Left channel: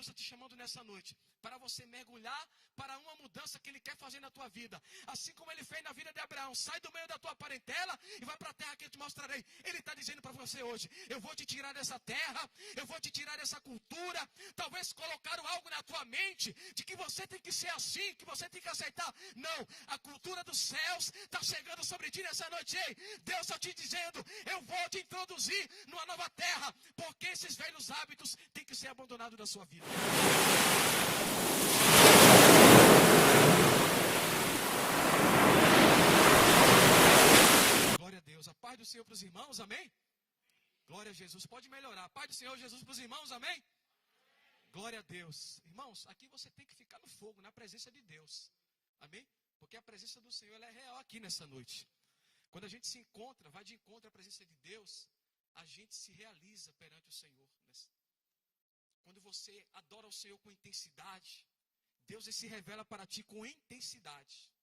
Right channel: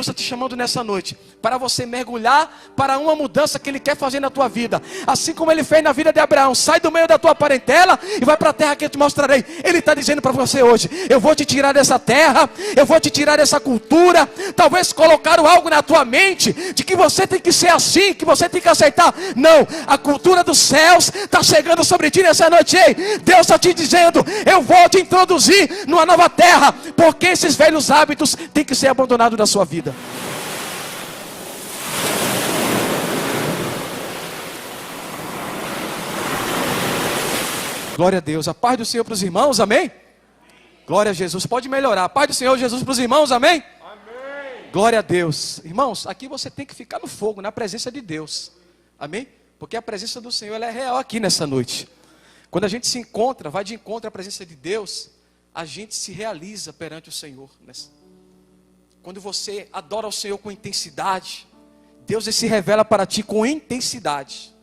Deus está te chamando nessa noite para você mergulhar para uma mudança que Ele quer fazer na tua vida. Assim como Ele fez na vida de Abraão. Sai do meio da tua parentela e vai para a terra que eu te mostrarei. Ele está dizendo para você hoje: eu vou te tirar dessa terra, eu vou te tirar dessa cultura. Talvez colocaram algo na tua mente de que você tem que ser assim, que você tem que aceitar. Não, a cultura dos céus está chegando sobre ti nessa noite. Ei, Deus está te dizendo: eu vou te introduzir numa nova terra, porque esses velhos hábitos têm que ser abandonados da sua vida. Glória a Deus. A paz do Senhor para os irmãos, amém? Glória a Jesus. Pode melhorar. A paz do Senhor Jesus para os irmãos, amém? Amém. Glória a Deus. Irmãos, aqui você tem que ficar no fogo, na presença de Deus, amém? Porque a presença do Senhor, ela é real aqui nessa noite. Quando a gente se encontra, vai de encontro à presença de Deus, a gente se realiza perante o Senhor. Quando você adora o Senhor com intensidade, Deus se revela para ti com intensidade.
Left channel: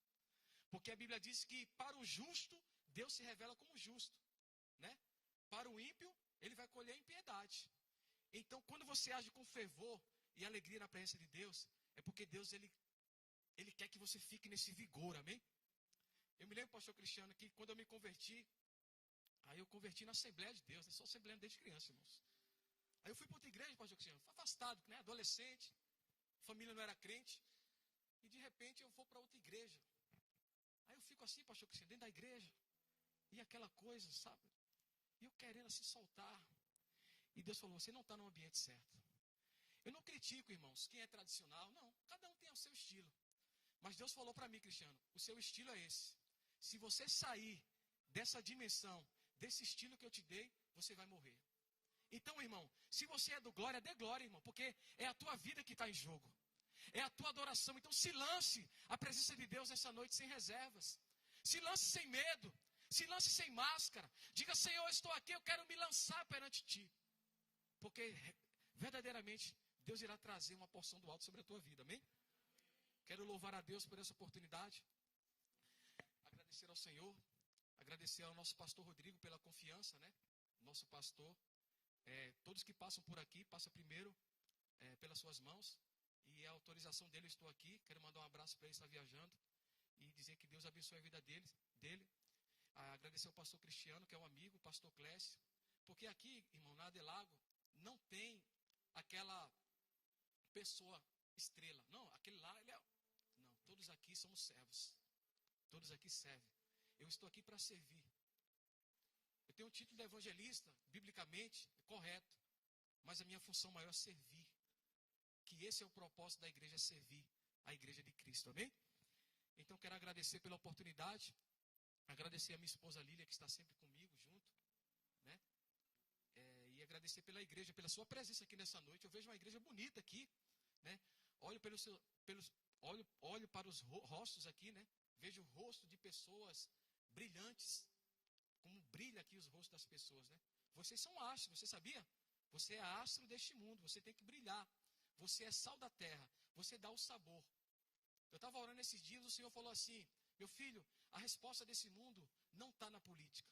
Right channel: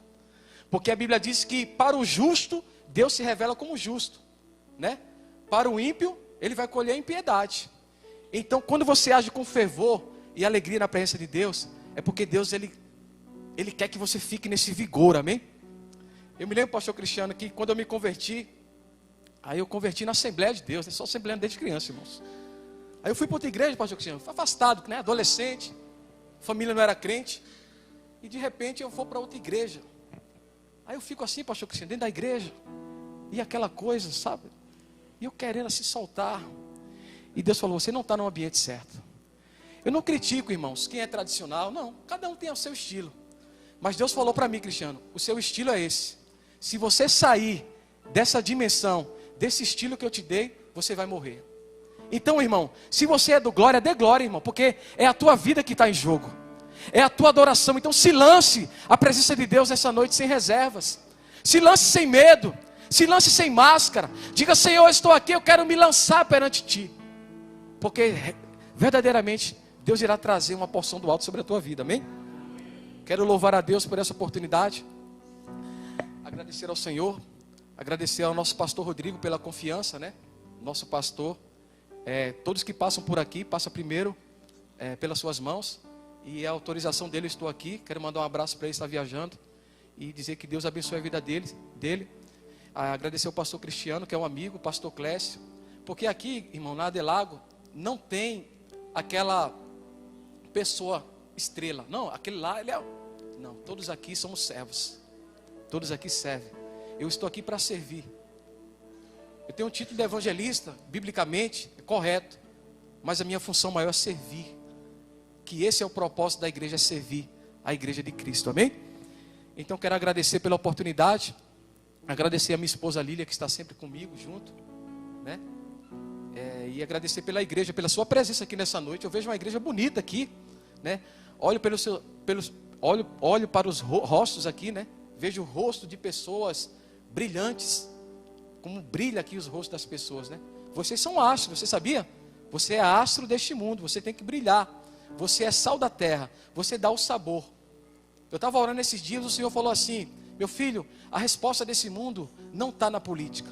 Porque a Bíblia diz que para o justo, Deus se revela como justo, né? Para o ímpio, ele vai colher impiedade. Então, quando você age com fervor e alegria na presença de Deus, é porque Deus, ele quer que você fique nesse vigor, amém? Eu me lembro, pastor Cristiano, que quando eu me converti, aí eu converti na Assembleia de Deus, né? Só Assembleia desde criança, irmãos. Aí eu fui para outra igreja, pastor Cristiano, afastado, né? Adolescente, família não era crente, e de repente eu vou para outra igreja. Aí eu fico assim, pastor Cristiano, dentro da igreja, e aquela coisa, sabe? E eu querendo se soltar. E Deus falou: você não está no ambiente certo. Eu não critico, irmãos, quem é tradicional, não. Cada um tem o seu estilo. Mas Deus falou para mim, Cristiano: o seu estilo é esse. Se você sair dessa dimensão, desse estilo que eu te dei, você vai morrer. Então, irmão, se você é do glória, dê glória, irmão. Porque é a tua vida que está em jogo. É a tua adoração. Então se lance à presença de Deus nessa noite sem reservas. Se lance sem medo. Se lance sem máscara. Diga: Senhor, eu estou aqui, eu quero me lançar perante ti. Porque verdadeiramente Deus irá trazer uma porção do alto sobre a tua vida, amém? Quero louvar a Deus por essa oportunidade. Agradecer ao Senhor. Agradecer ao nosso pastor Rodrigo pela confiança, né? Nosso pastor. Todos que passam por aqui, passam primeiro pelas suas mãos. E a autorização dele, eu estou aqui. Quero mandar um abraço para ele, estar viajando. E dizer que Deus abençoe a vida dele. Agradecer ao pastor Cristiano, que é um amigo, o pastor Clécio. Porque aqui, irmão, na Adelago, não tem aquela pessoa estrela. Não, aquele lá, ele é... Não, todos aqui somos servos. Todos aqui servem. Eu estou aqui para servir. Eu tenho um título de evangelista, biblicamente, é correto. Mas a minha função maior é servir. Que esse é o propósito da igreja, é servir a igreja de Cristo, amém? Então quero agradecer pela oportunidade. Agradecer a minha esposa Lília, que está sempre comigo, junto, né? E agradecer pela igreja, pela sua presença aqui nessa noite. Eu vejo uma igreja bonita aqui, né? Olho para os rostos aqui, né? Vejo o rosto de pessoas brilhantes. Como brilha aqui os rostos das pessoas, né? Vocês são astros, você sabia? Você é astro deste mundo, você tem que brilhar. Você é sal da terra, você dá o sabor. Eu estava orando esses dias, o Senhor falou assim: meu filho, a resposta desse mundo não está na política,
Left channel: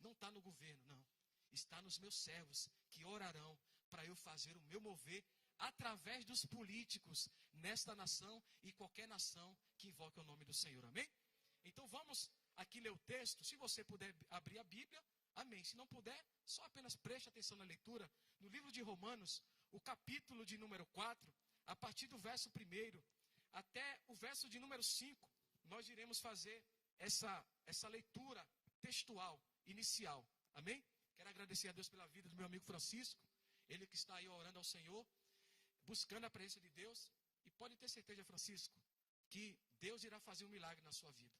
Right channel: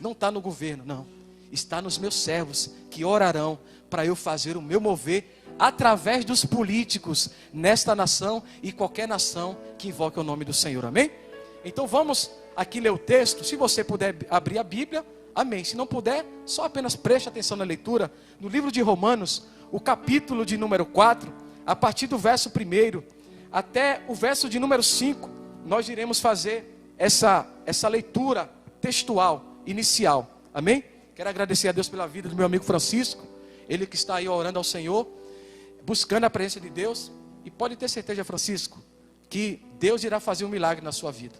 não está no governo, não. Está nos meus servos que orarão para eu fazer o meu mover através dos políticos nesta nação e qualquer nação que invoque o nome do Senhor, amém? Então vamos aqui ler o texto. Se você puder abrir a Bíblia, amém. Se não puder, só apenas preste atenção na leitura. No livro de Romanos, o capítulo de número 4, a partir do verso 1 até o verso de número 5, nós iremos fazer essa leitura textual, inicial, amém? Quero agradecer a Deus pela vida do meu amigo Francisco, ele que está aí orando ao Senhor, buscando a presença de Deus. E pode ter certeza, Francisco, que Deus irá fazer um milagre na sua vida.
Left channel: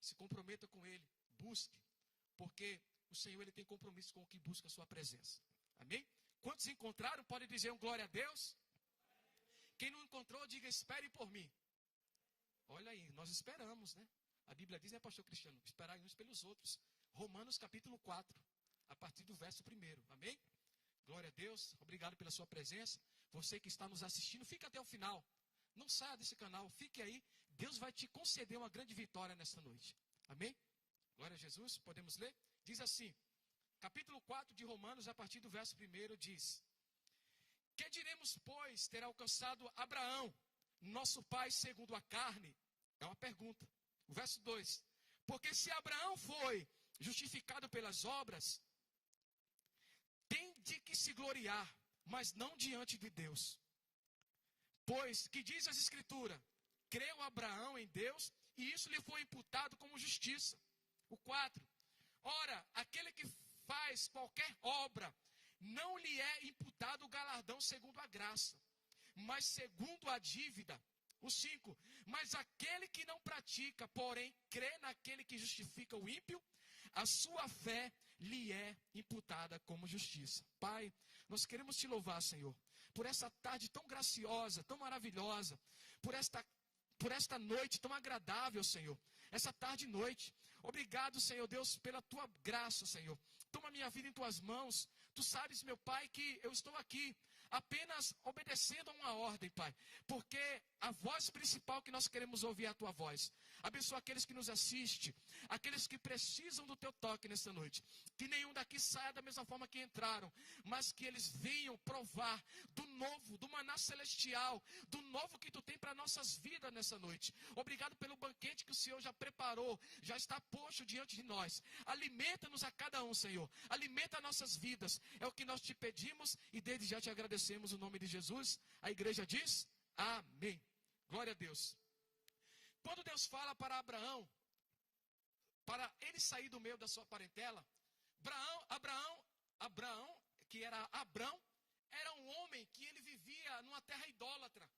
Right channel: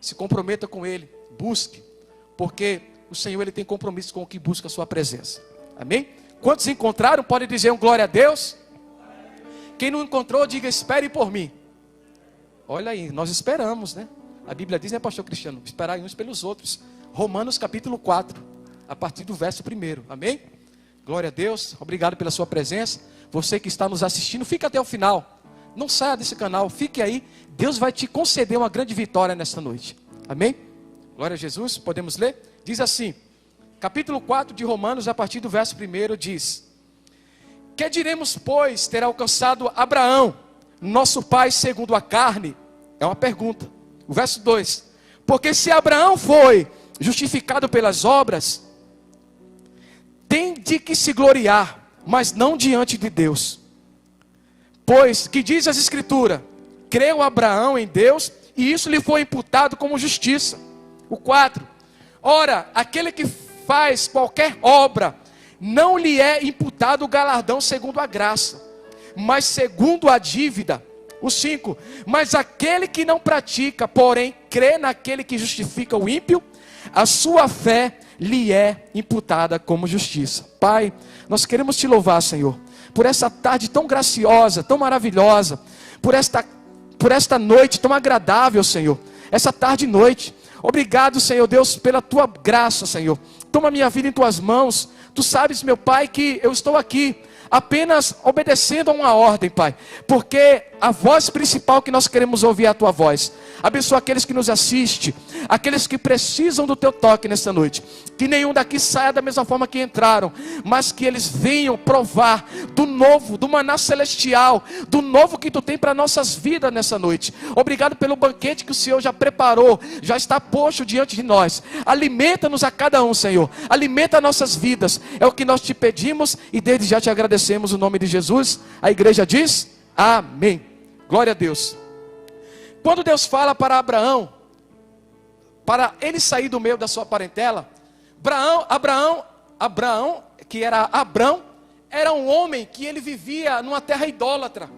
Se comprometa com Ele, busque, porque o Senhor, Ele tem compromisso com o que busca a sua presença, amém? Quantos encontraram, pode dizer um glória a Deus. Quem não encontrou, diga: espere por mim. Olha aí, nós esperamos, né? A Bíblia diz, né, pastor Cristiano? Esperar uns pelos outros. Romanos capítulo 4, a partir do verso 1, amém? Glória a Deus, obrigado pela sua presença. Você que está nos assistindo, fica até o final. Não saia desse canal, fique aí. Deus vai te conceder uma grande vitória nesta noite, amém? Glória a Jesus, podemos ler? Diz assim, capítulo 4 de Romanos, a partir do verso 1, diz: Que diremos, pois, ter alcançado Abraão, nosso pai segundo a carne? É uma pergunta. O verso 2. Porque se Abraão foi justificado pelas obras, tem de que se gloriar, mas não diante de Deus. Pois, que diz as Escrituras, creu Abraão em Deus, e isso lhe foi imputado como justiça. O 4. Ora, aquele que faz qualquer obra, não lhe é imputado o galardão segundo a graça, mas segundo a dívida. O 5. Mas aquele que não pratica, porém crê naquele que justifica o ímpio, a sua fé lhe é imputada como justiça. Pai, nós queremos te louvar, Senhor, por essa tarde tão graciosa, tão maravilhosa, por esta noite tão agradável, Senhor, essa tarde e noite. Obrigado, Senhor Deus, pela tua graça, Senhor. Toma minha vida em tuas mãos. Tu sabes, meu Pai, que eu estou aqui apenas obedecendo a uma ordem, Pai, porque a voz principal que nós queremos ouvir é a tua voz. Abençoa aqueles que nos assistem, aqueles que precisam do teu toque nesta noite. Que nenhum daqui saia da mesma forma que entraram, mas que eles venham provar do novo, do maná celestial, do novo que tu tem para nossas vidas nessa noite. Obrigado pelo banquete que o Senhor já preparou, já está posto diante de nós. Alimenta-nos a cada um, Senhor. Alimenta nossas vidas. É o que nós te pedimos e desde já te agradecemos no nome de Jesus. A igreja diz: amém. Glória a Deus. Quando Deus fala para Abraão, para ele sair do meio da sua parentela, Abraão, que era Abrão, era um homem que ele vivia numa terra idólatra.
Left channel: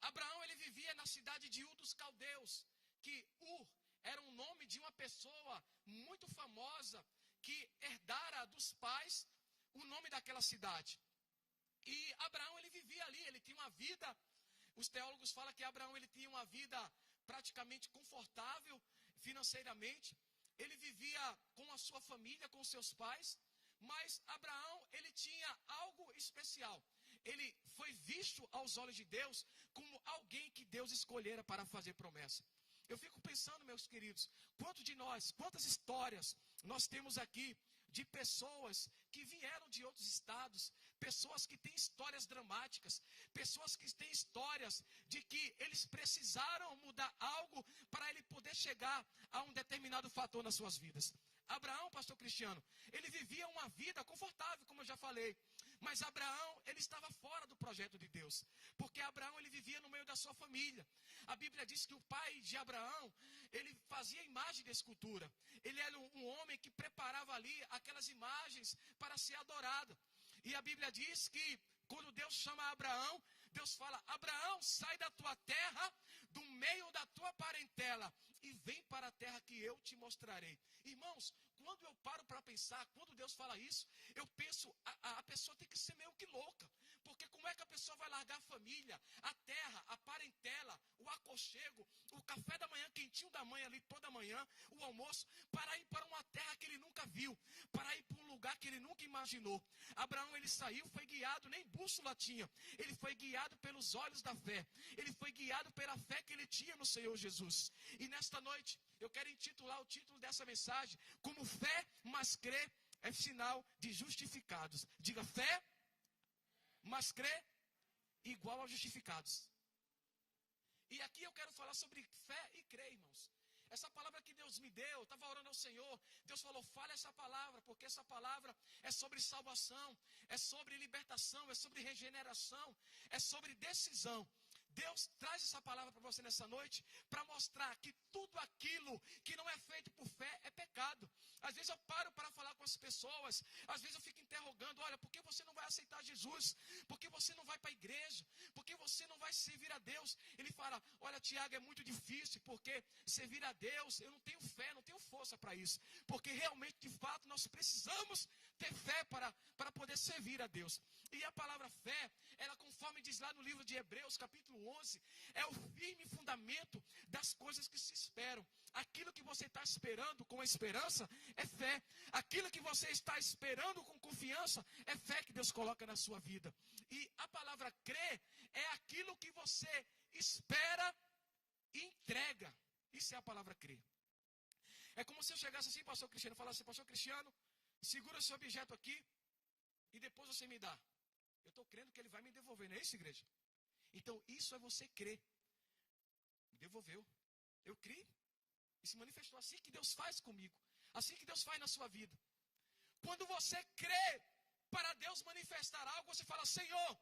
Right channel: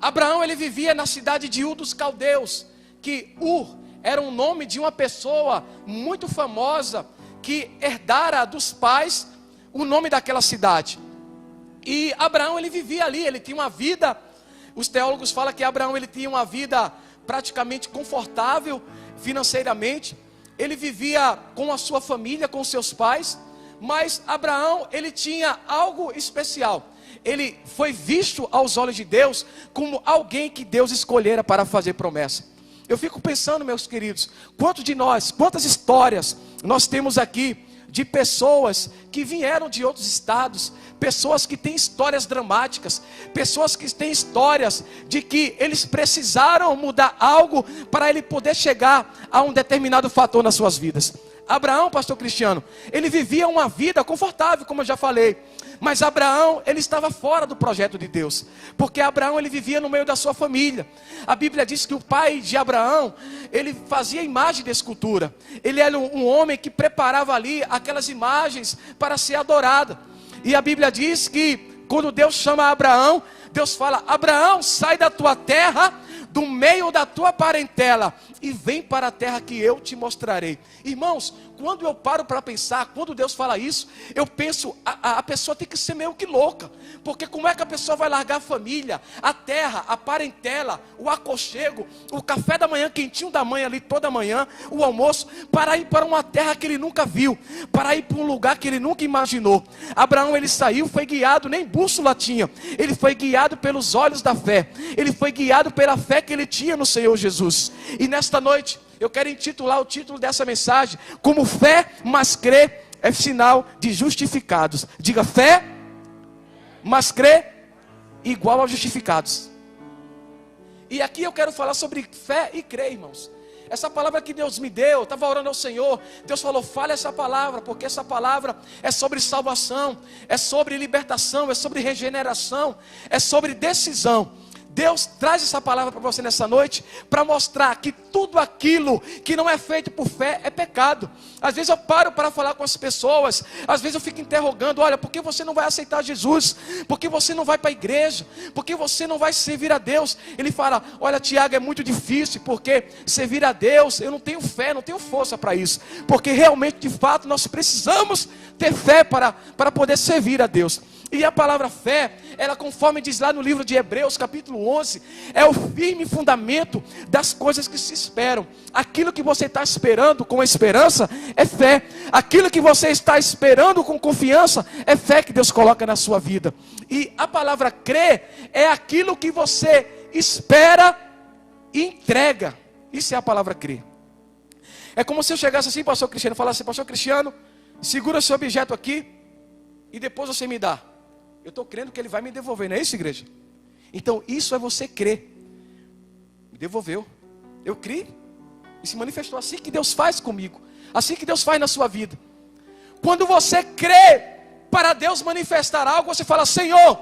Abraão, ele vivia na cidade de Ur dos Caldeus, que Ur era um nome de uma pessoa muito famosa, que herdara dos pais o nome daquela cidade. E Abraão, ele vivia ali, ele tinha uma vida, os teólogos falam que Abraão, ele tinha uma vida praticamente confortável financeiramente. Ele vivia com a sua família, com seus pais. Mas Abraão, ele tinha algo especial. Ele foi visto aos olhos de Deus como alguém que Deus escolhera para fazer promessa. Eu fico pensando, meus queridos, quantos de nós, quantas histórias nós temos aqui de pessoas que vieram de outros estados, pessoas que têm histórias dramáticas, pessoas que têm histórias de que eles precisaram mudar algo para ele poder chegar a um determinado fator nas suas vidas. Abraão, pastor Cristiano, ele vivia uma vida confortável, como eu já falei, mas Abraão, ele estava fora do projeto de Deus, porque Abraão, ele vivia no meio da sua família. A Bíblia diz que o pai de Abraão, ele fazia imagem de escultura, ele era um homem que preparava ali aquelas imagens para ser adorada. E a Bíblia diz que quando Deus chama Abraão, Deus fala: Abraão, sai da tua terra, do meio da tua parentela, e vem para a terra que eu te mostrarei. Irmãos, quando eu paro para pensar, quando Deus fala isso, eu penso, a pessoa tem que ser meio que louca, porque como é que a pessoa vai largar a família, a terra, a parentela, o aconchego, o café da manhã, quentinho da mãe ali toda manhã, o almoço, para ir para uma terra que ele nunca viu, para ir para um lugar que ele nunca imaginou. Abraão, ele saiu, foi guiado, nem bússola tinha, ele foi guiado pelos olhos da fé, ele foi guiado pela fé que ele tinha no Senhor Jesus. E nesta noite, eu quero intitular o título dessa mensagem como fé, mas crer é sinal de justificados. Diga: fé, mas crer igual a justificados. E aqui eu quero falar sobre fé e crer, irmãos. Essa palavra que Deus me deu, eu estava orando ao Senhor, Deus falou: fale essa palavra, porque essa palavra é sobre salvação, é sobre libertação, é sobre regeneração, é sobre decisão. Deus traz essa palavra para você nessa noite, para mostrar que tudo aquilo que não é feito por fé é pecado. Às vezes eu paro para falar com as pessoas, às vezes eu fico interrogando: olha, por que você não vai aceitar Jesus? Por que você não vai para a igreja? Por que você não vai servir a Deus? Ele fala: olha, Tiago, é muito difícil, porque servir a Deus, eu não tenho fé, não tenho força para isso, porque realmente, de fato, nós precisamos ter fé para poder servir a Deus. E a palavra fé, ela, conforme diz lá no livro de Hebreus, capítulo 11, é o firme fundamento das coisas que se esperam. Aquilo que você está esperando com esperança é fé. Aquilo que você está esperando com confiança é fé que Deus coloca na sua vida. E a palavra crer é aquilo que você espera e entrega. Isso é a palavra crer. É como se eu chegasse assim, pastor Cristiano, e falasse: pastor Cristiano, segura esse objeto aqui e depois você me dá. Eu estou crendo que Ele vai me devolver, não é isso, igreja? Então isso é você crer. Me devolveu. Eu criei e se manifestou. Assim que Deus faz comigo, assim que Deus faz na sua vida. Quando você crê para Deus manifestar algo, você fala: Senhor,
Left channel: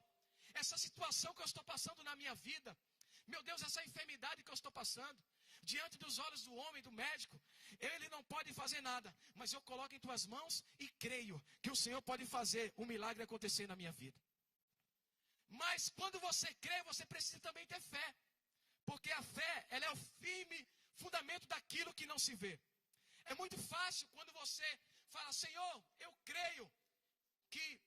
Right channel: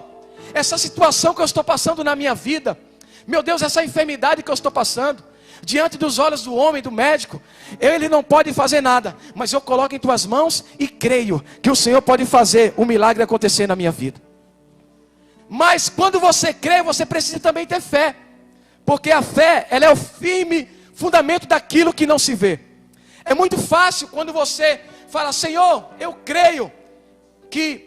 essa situação que eu estou passando na minha vida, meu Deus, essa enfermidade que eu estou passando, diante dos olhos do homem, do médico, ele não pode fazer nada, mas eu coloco em tuas mãos e creio que o Senhor pode fazer o milagre acontecer na minha vida. Mas quando você crê, você precisa também ter fé, porque a fé, ela é o firme fundamento daquilo que não se vê. É muito fácil quando você fala: Senhor, eu creio que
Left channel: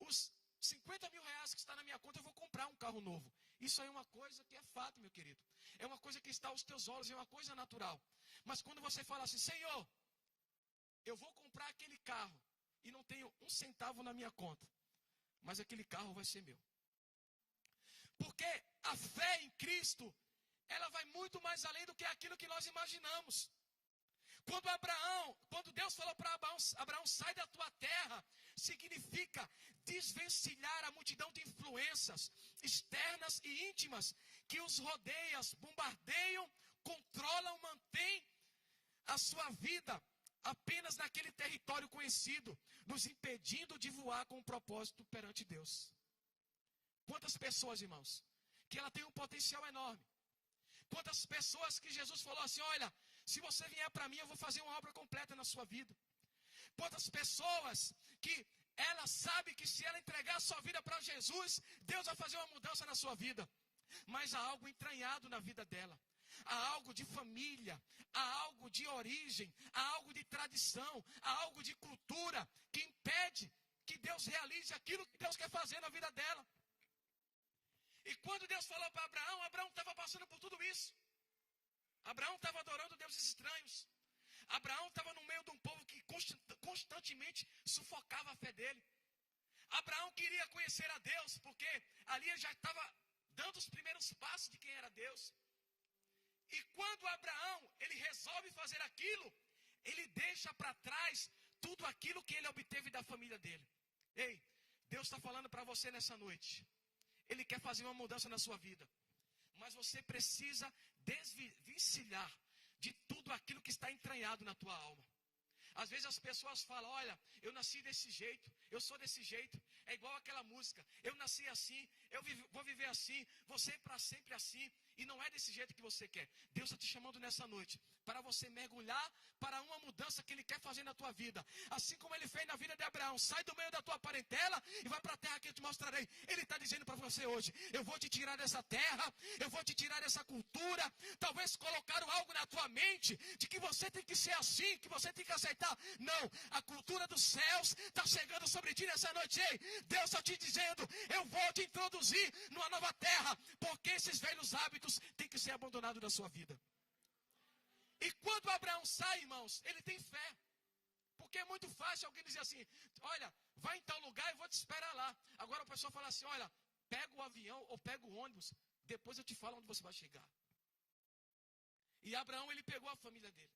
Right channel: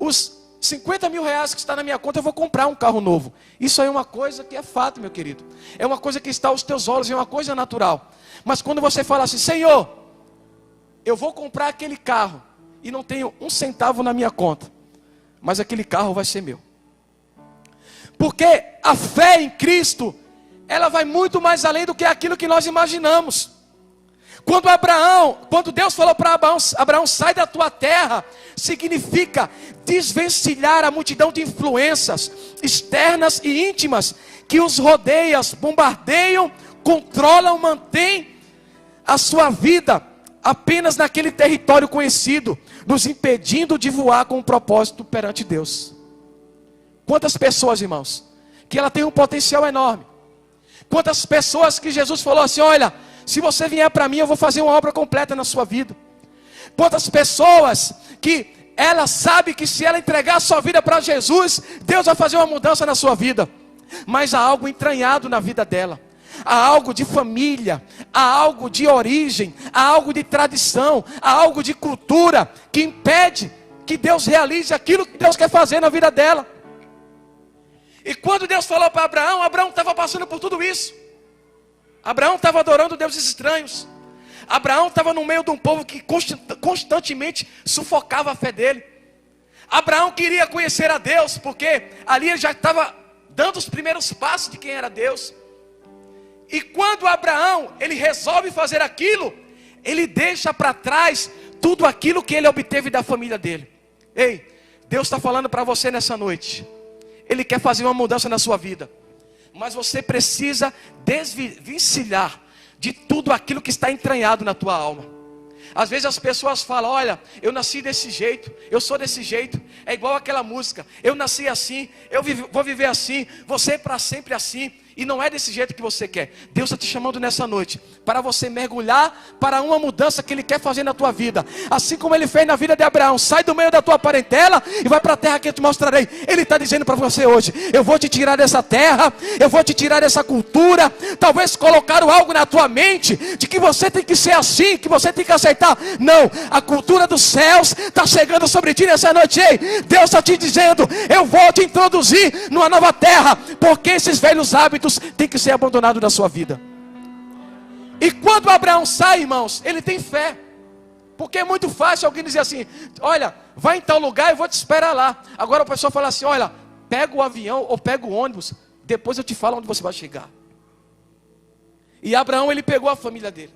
os 50 mil reais que está na minha conta, eu vou comprar um carro novo. Isso aí é uma coisa que é fato, meu querido. É uma coisa que está aos teus olhos, é uma coisa natural. Mas quando você fala assim: Senhor, eu vou comprar aquele carro e não tenho um centavo na minha conta, mas aquele carro vai ser meu. Porque a fé em Cristo, ela vai muito mais além do que aquilo que nós imaginamos. Quando Deus falou para Abraão, sai da tua terra, significa desvencilhar a multidão de influências externas e íntimas que os rodeiam, bombardeiam, controlam, mantêm a sua vida apenas naquele território conhecido, nos impedindo de voar com um propósito perante Deus. Quantas pessoas, irmãos, que ela tem um potencial enorme. Quantas pessoas que Jesus falou assim: olha, se você vier para mim, eu vou fazer uma obra completa na sua vida. Quantas pessoas que ela sabe que se ela entregar a sua vida para Jesus, Deus vai fazer uma mudança na sua vida. Mas há algo entranhado na vida dela. Há algo de família, há algo de origem, há algo de tradição, há algo de cultura que impede que Deus realize aquilo que Deus quer fazer na vida dela. E quando Deus falou para Abraão, Abraão estava passando por tudo isso. Abraão estava adorando deuses estranhos. Abraão estava no meio de um povo que constantemente sufocava a fé dele. Abraão queria conhecer a Deus, porque ali ele já estava dando os primeiros passos de quem era Deus. E quando Abraão, ele resolve fazer aquilo, ele deixa para trás tudo aquilo que ele obteve da família dele. Ei, Deus está falando para você nessa noite. Ele quer fazer uma mudança na sua vida. Mas você precisa desvencilhar de tudo aquilo que está entranhado na tua alma. Às vezes as pessoas falam: olha, eu nasci desse jeito, eu sou desse jeito. É igual aquela música: eu nasci assim, vou viver assim, vou ser para sempre assim. E não é desse jeito que você quer. Deus está te chamando nessa noite para você mergulhar para uma mudança que Ele quer fazer na tua vida. Assim como Ele fez na vida de Abraão. Sai do meio da tua parentela e vai para a terra que eu te mostrarei. Ele está dizendo para você hoje: eu vou te tirar dessa terra, eu vou te tirar dessa cultura. Talvez colocaram algo na tua mente de que você tem que ser assim, que você tem que aceitar. Não, a cultura dos céus está chegando sobre ti nessa noite. Ei, Deus está te dizendo: eu vou te introduzir numa nova terra, porque esses velhos hábitos tem que ser abandonado da sua vida. E quando Abraão sai, irmãos, ele tem fé. Porque é muito fácil alguém dizer assim: olha, vai em tal lugar, eu vou te esperar lá. Agora a pessoa fala assim: olha, pega o avião ou pega o ônibus, depois eu te falo onde você vai chegar. E Abraão, ele pegou a família dele.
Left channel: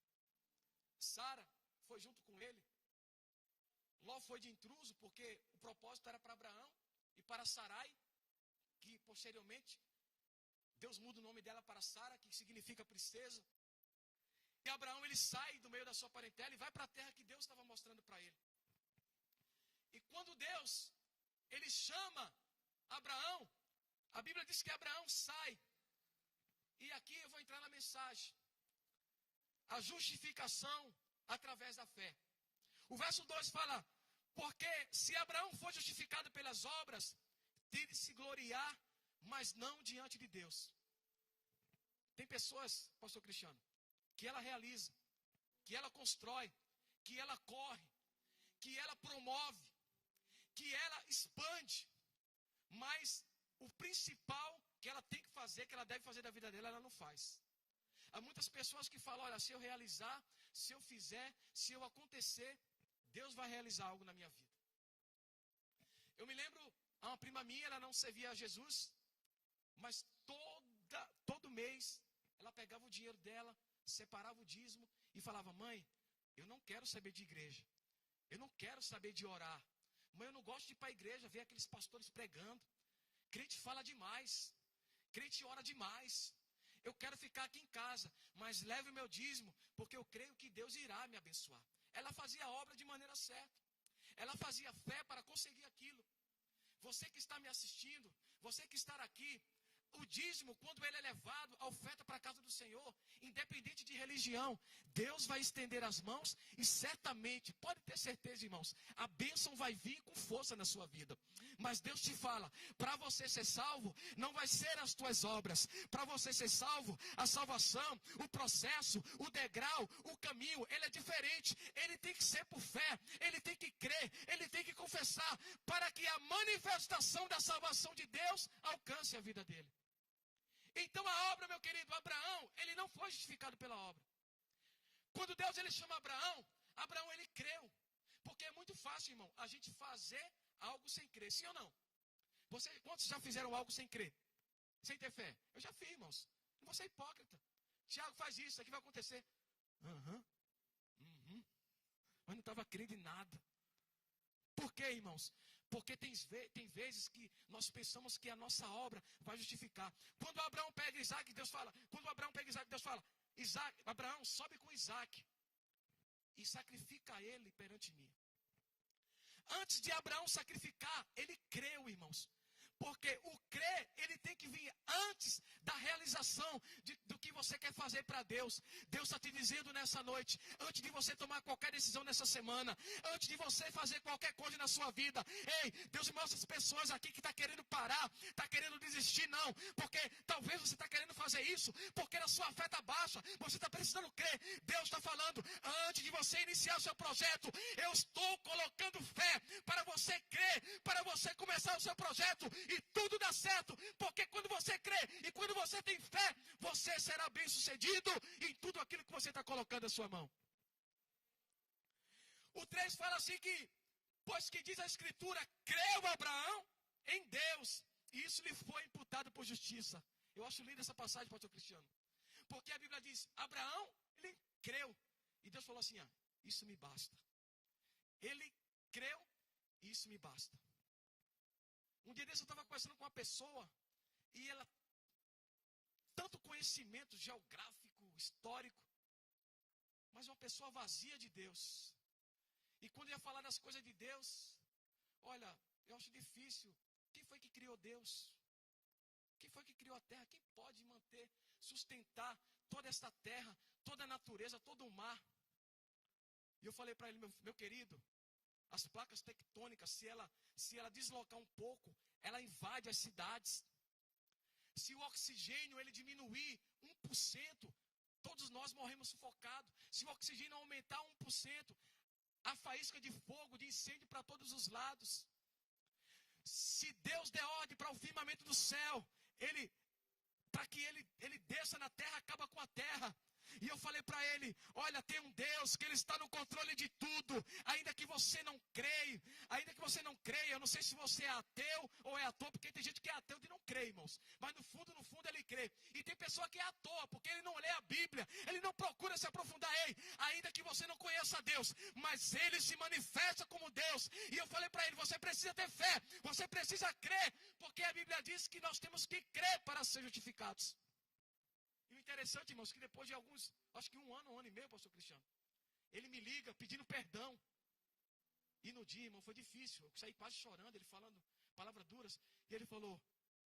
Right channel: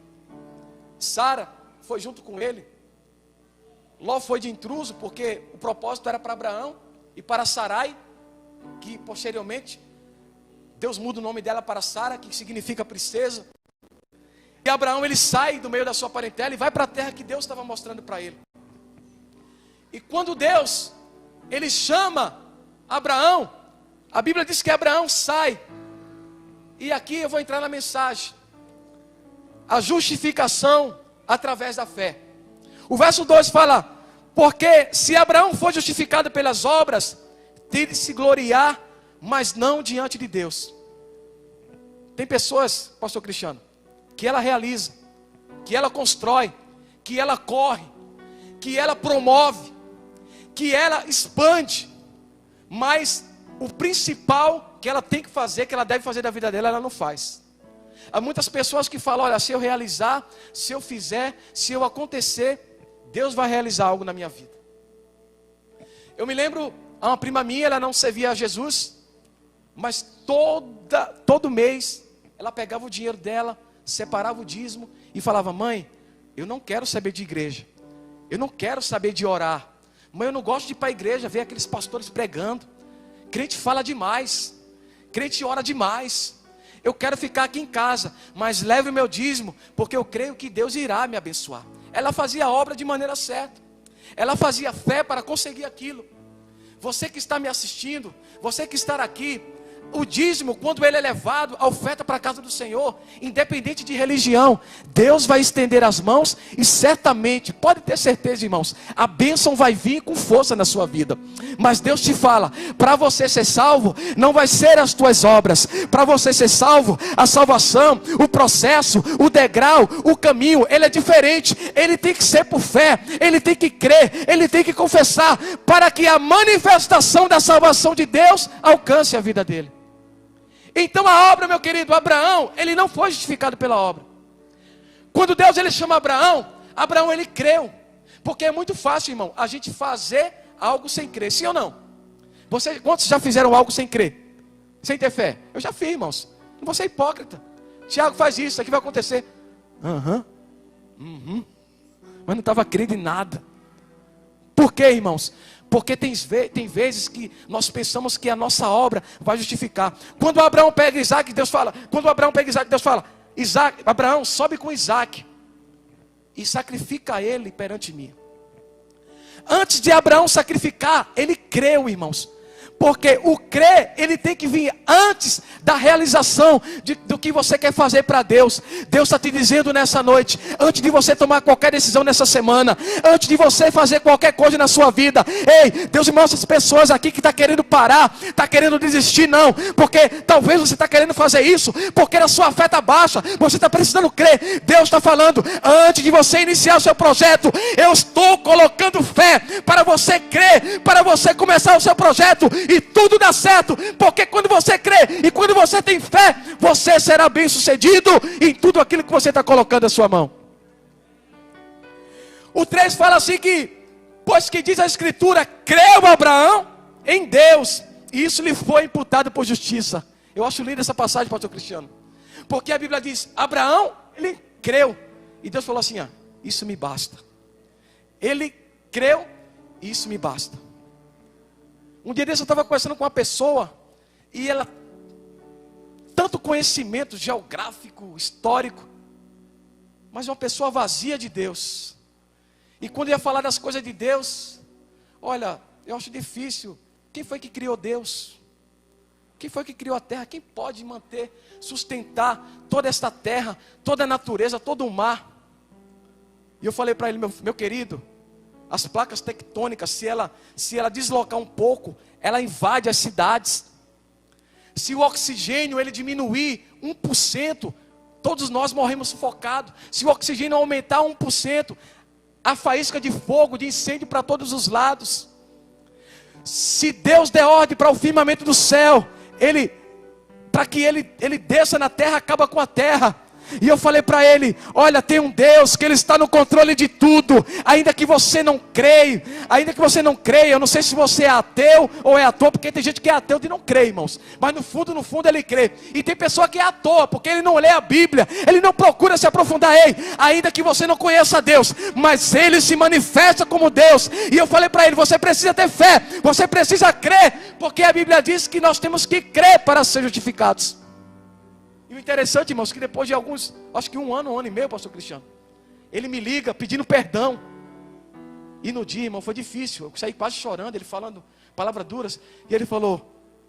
Sara foi junto com ele. Ló foi de intruso, porque o propósito era para Abraão e para Sarai, que posteriormente Deus muda o nome dela para Sara, que significa princesa. E Abraão, ele sai do meio da sua parentela e vai para a terra que Deus estava mostrando para ele. E quando Deus, ele chama Abraão, a Bíblia diz que Abraão sai. E aqui eu vou entrar na mensagem: a justificação através da fé. O verso 2 fala: porque se Abraão foi justificado pelas obras, tem de se gloriar, mas não diante de Deus. Tem pessoas, pastor Cristiano, que ela realiza, que ela constrói, que ela corre, que ela promove, que ela expande, mas o principal que ela tem que fazer, que ela deve fazer da vida dela, ela não faz. Há muitas pessoas que falam: olha, se eu realizar, se eu fizer, se eu acontecer, Deus vai realizar algo na minha vida. Eu me lembro, a uma prima minha, ela não servia a Jesus, mas todo mês, ela pegava o dinheiro dela, separava o dízimo e falava: mãe, eu não quero saber de igreja, eu não quero saber de orar, Mas eu não gosto de ir para a igreja, ver aqueles pastores pregando. Crente fala demais. Crente ora demais. Eu quero ficar aqui em casa, mas leve o meu dízimo, porque eu creio que Deus irá me abençoar. Ela fazia a obra de maneira certa. Ela fazia fé para conseguir aquilo. Você que está me assistindo, você que está aqui, o dízimo, quando ele é levado, a oferta para a casa do Senhor, independente de religião, Deus vai estender as mãos e certamente, pode ter certeza, irmãos, a bênção vai vir com força na sua vida. Mas Deus te fala, para você ser salvo, não vai ser as tuas obras. Para você ser salvo, a salvação, o processo, o degrau, o caminho, ele é diferente. Ele tem que ser por fé, ele tem que crer, ele tem que confessar, para que a manifestação da salvação de Deus alcance a vida dele. Então a obra, meu querido, Abraão, ele não foi justificado pela obra. Quando Deus ele chama Abraão, Abraão ele creu. Porque é muito fácil, irmão, a gente fazer algo sem crer, sim ou não? Quantos já fizeram algo sem crer? Sem ter fé? Eu já fiz, irmãos. Não vou ser hipócrita. Tiago faz isso aqui vai acontecer. Mas não estava crendo em nada. Por quê, irmãos? Porque tem vezes que nós pensamos que a nossa obra vai justificar. Quando Abraão pega Isaac, Deus fala. Abraão, sobe com Isaac e sacrifica ele perante mim. Antes de Abraão sacrificar, ele creu, irmãos. Porque o crer, ele tem que vir antes da realização do que você quer fazer para Deus. Deus está te dizendo nessa noite, antes de você tomar qualquer decisão nessa semana, antes de você fazer qualquer coisa na sua vida, ei, Deus mostra as pessoas aqui que está querendo parar, está querendo desistir, não, porque talvez você está querendo fazer isso, porque a sua fé está baixa, você está precisando crer. Deus está falando, antes de você iniciar o seu projeto, eu estou colocando fé para você crer, para você começar o seu projeto, e tudo dá certo, porque quando você crê e quando você tem fé, você será bem sucedido em tudo aquilo que você está colocando a sua mão. O 3 fala assim que, pois que diz a Escritura, creu Abraão em Deus, e isso lhe foi imputado por justiça. Eu acho linda essa passagem, pastor Cristiano, porque a Bíblia diz, Abraão, ele creu, e Deus falou assim, isso me basta. Ele creu, e isso me basta. Um dia desse eu estava conversando com uma pessoa, e ela, tanto conhecimento geográfico, histórico, mas uma pessoa vazia de Deus. E quando ia falar das coisas de Deus, olha, eu acho difícil. Quem foi que criou Deus? Quem foi que criou a terra? Quem pode manter, sustentar toda esta terra, toda a natureza, todo o mar? E eu falei para ele, meu querido, as placas tectônicas, se ela deslocar um pouco, ela invade as cidades. Se o oxigênio ele diminuir 1%, todos nós morremos sufocados. Se o oxigênio aumentar 1%, a faísca de fogo, de incêndio para todos os lados. Se Deus der ordem para o firmamento do céu, para que ele desça na terra, acaba com a terra. E eu falei para ele, olha, tem um Deus que ele está no controle de tudo, ainda que você não creia, eu não sei se você é ateu ou é ator, porque tem gente que é ateu e não crê, irmãos, mas no fundo ele crê. E tem pessoa que é ator, porque ele não lê a Bíblia, ele não procura se aprofundar. Ainda que você não conheça Deus, mas ele se manifesta como Deus. E eu falei para ele, você precisa ter fé, você precisa crer, porque a Bíblia diz que nós temos que crer para ser justificados. E o interessante, irmãos, que depois de alguns, acho que um ano e meio, pastor Cristiano, ele me liga pedindo perdão. E no dia, irmão, foi difícil, eu saí quase chorando, ele falando palavras duras. E ele falou,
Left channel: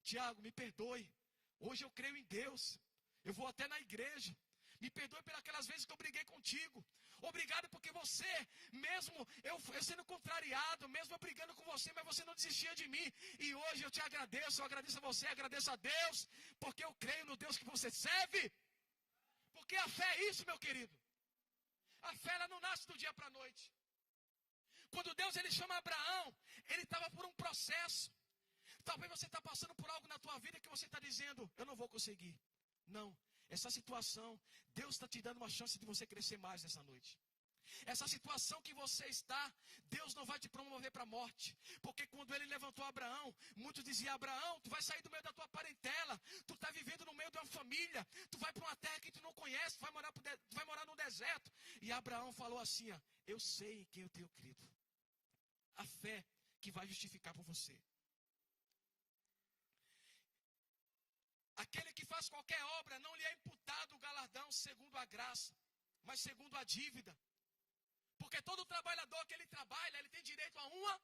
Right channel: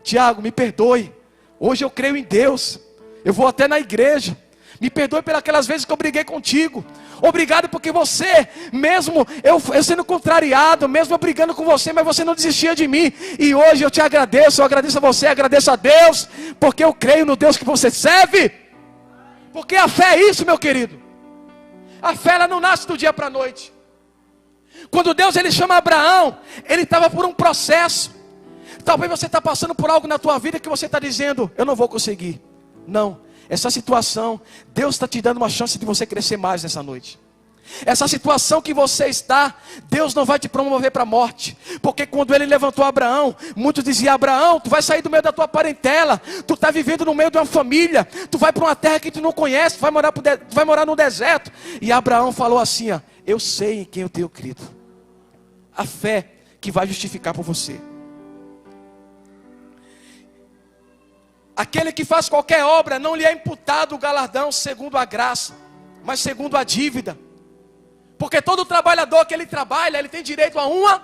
Tiago, me perdoe, hoje eu creio em Deus, eu vou até na igreja. Me perdoe pelas vezes que eu briguei contigo. Obrigado porque você, mesmo eu sendo contrariado, mesmo eu brigando com você, mas você não desistia de mim. E hoje eu te agradeço, eu agradeço a você, agradeço a Deus, porque eu creio no Deus que você serve. Porque a fé é isso, meu querido. A fé ela não nasce do dia para a noite. Quando Deus ele chama Abraão, ele estava por um processo. Talvez você está passando por algo na tua vida que você está dizendo, eu não vou conseguir. Não. Essa situação, Deus está te dando uma chance de você crescer mais nessa noite. Essa situação que você está, Deus não vai te promover para a morte. Porque quando ele levantou Abraão, muitos diziam, Abraão, tu vai sair do meio da tua parentela, tu está vivendo no meio de uma família, tu vai para uma terra que tu não conhece, tu vai morar no deserto. E Abraão falou assim, eu sei em quem eu tenho crido. A fé que vai justificar por você. Aquele que faz qualquer obra, não lhe é imputado o galardão segundo a graça, mas segundo a dívida. Porque todo trabalhador que ele trabalha, ele tem direito a uma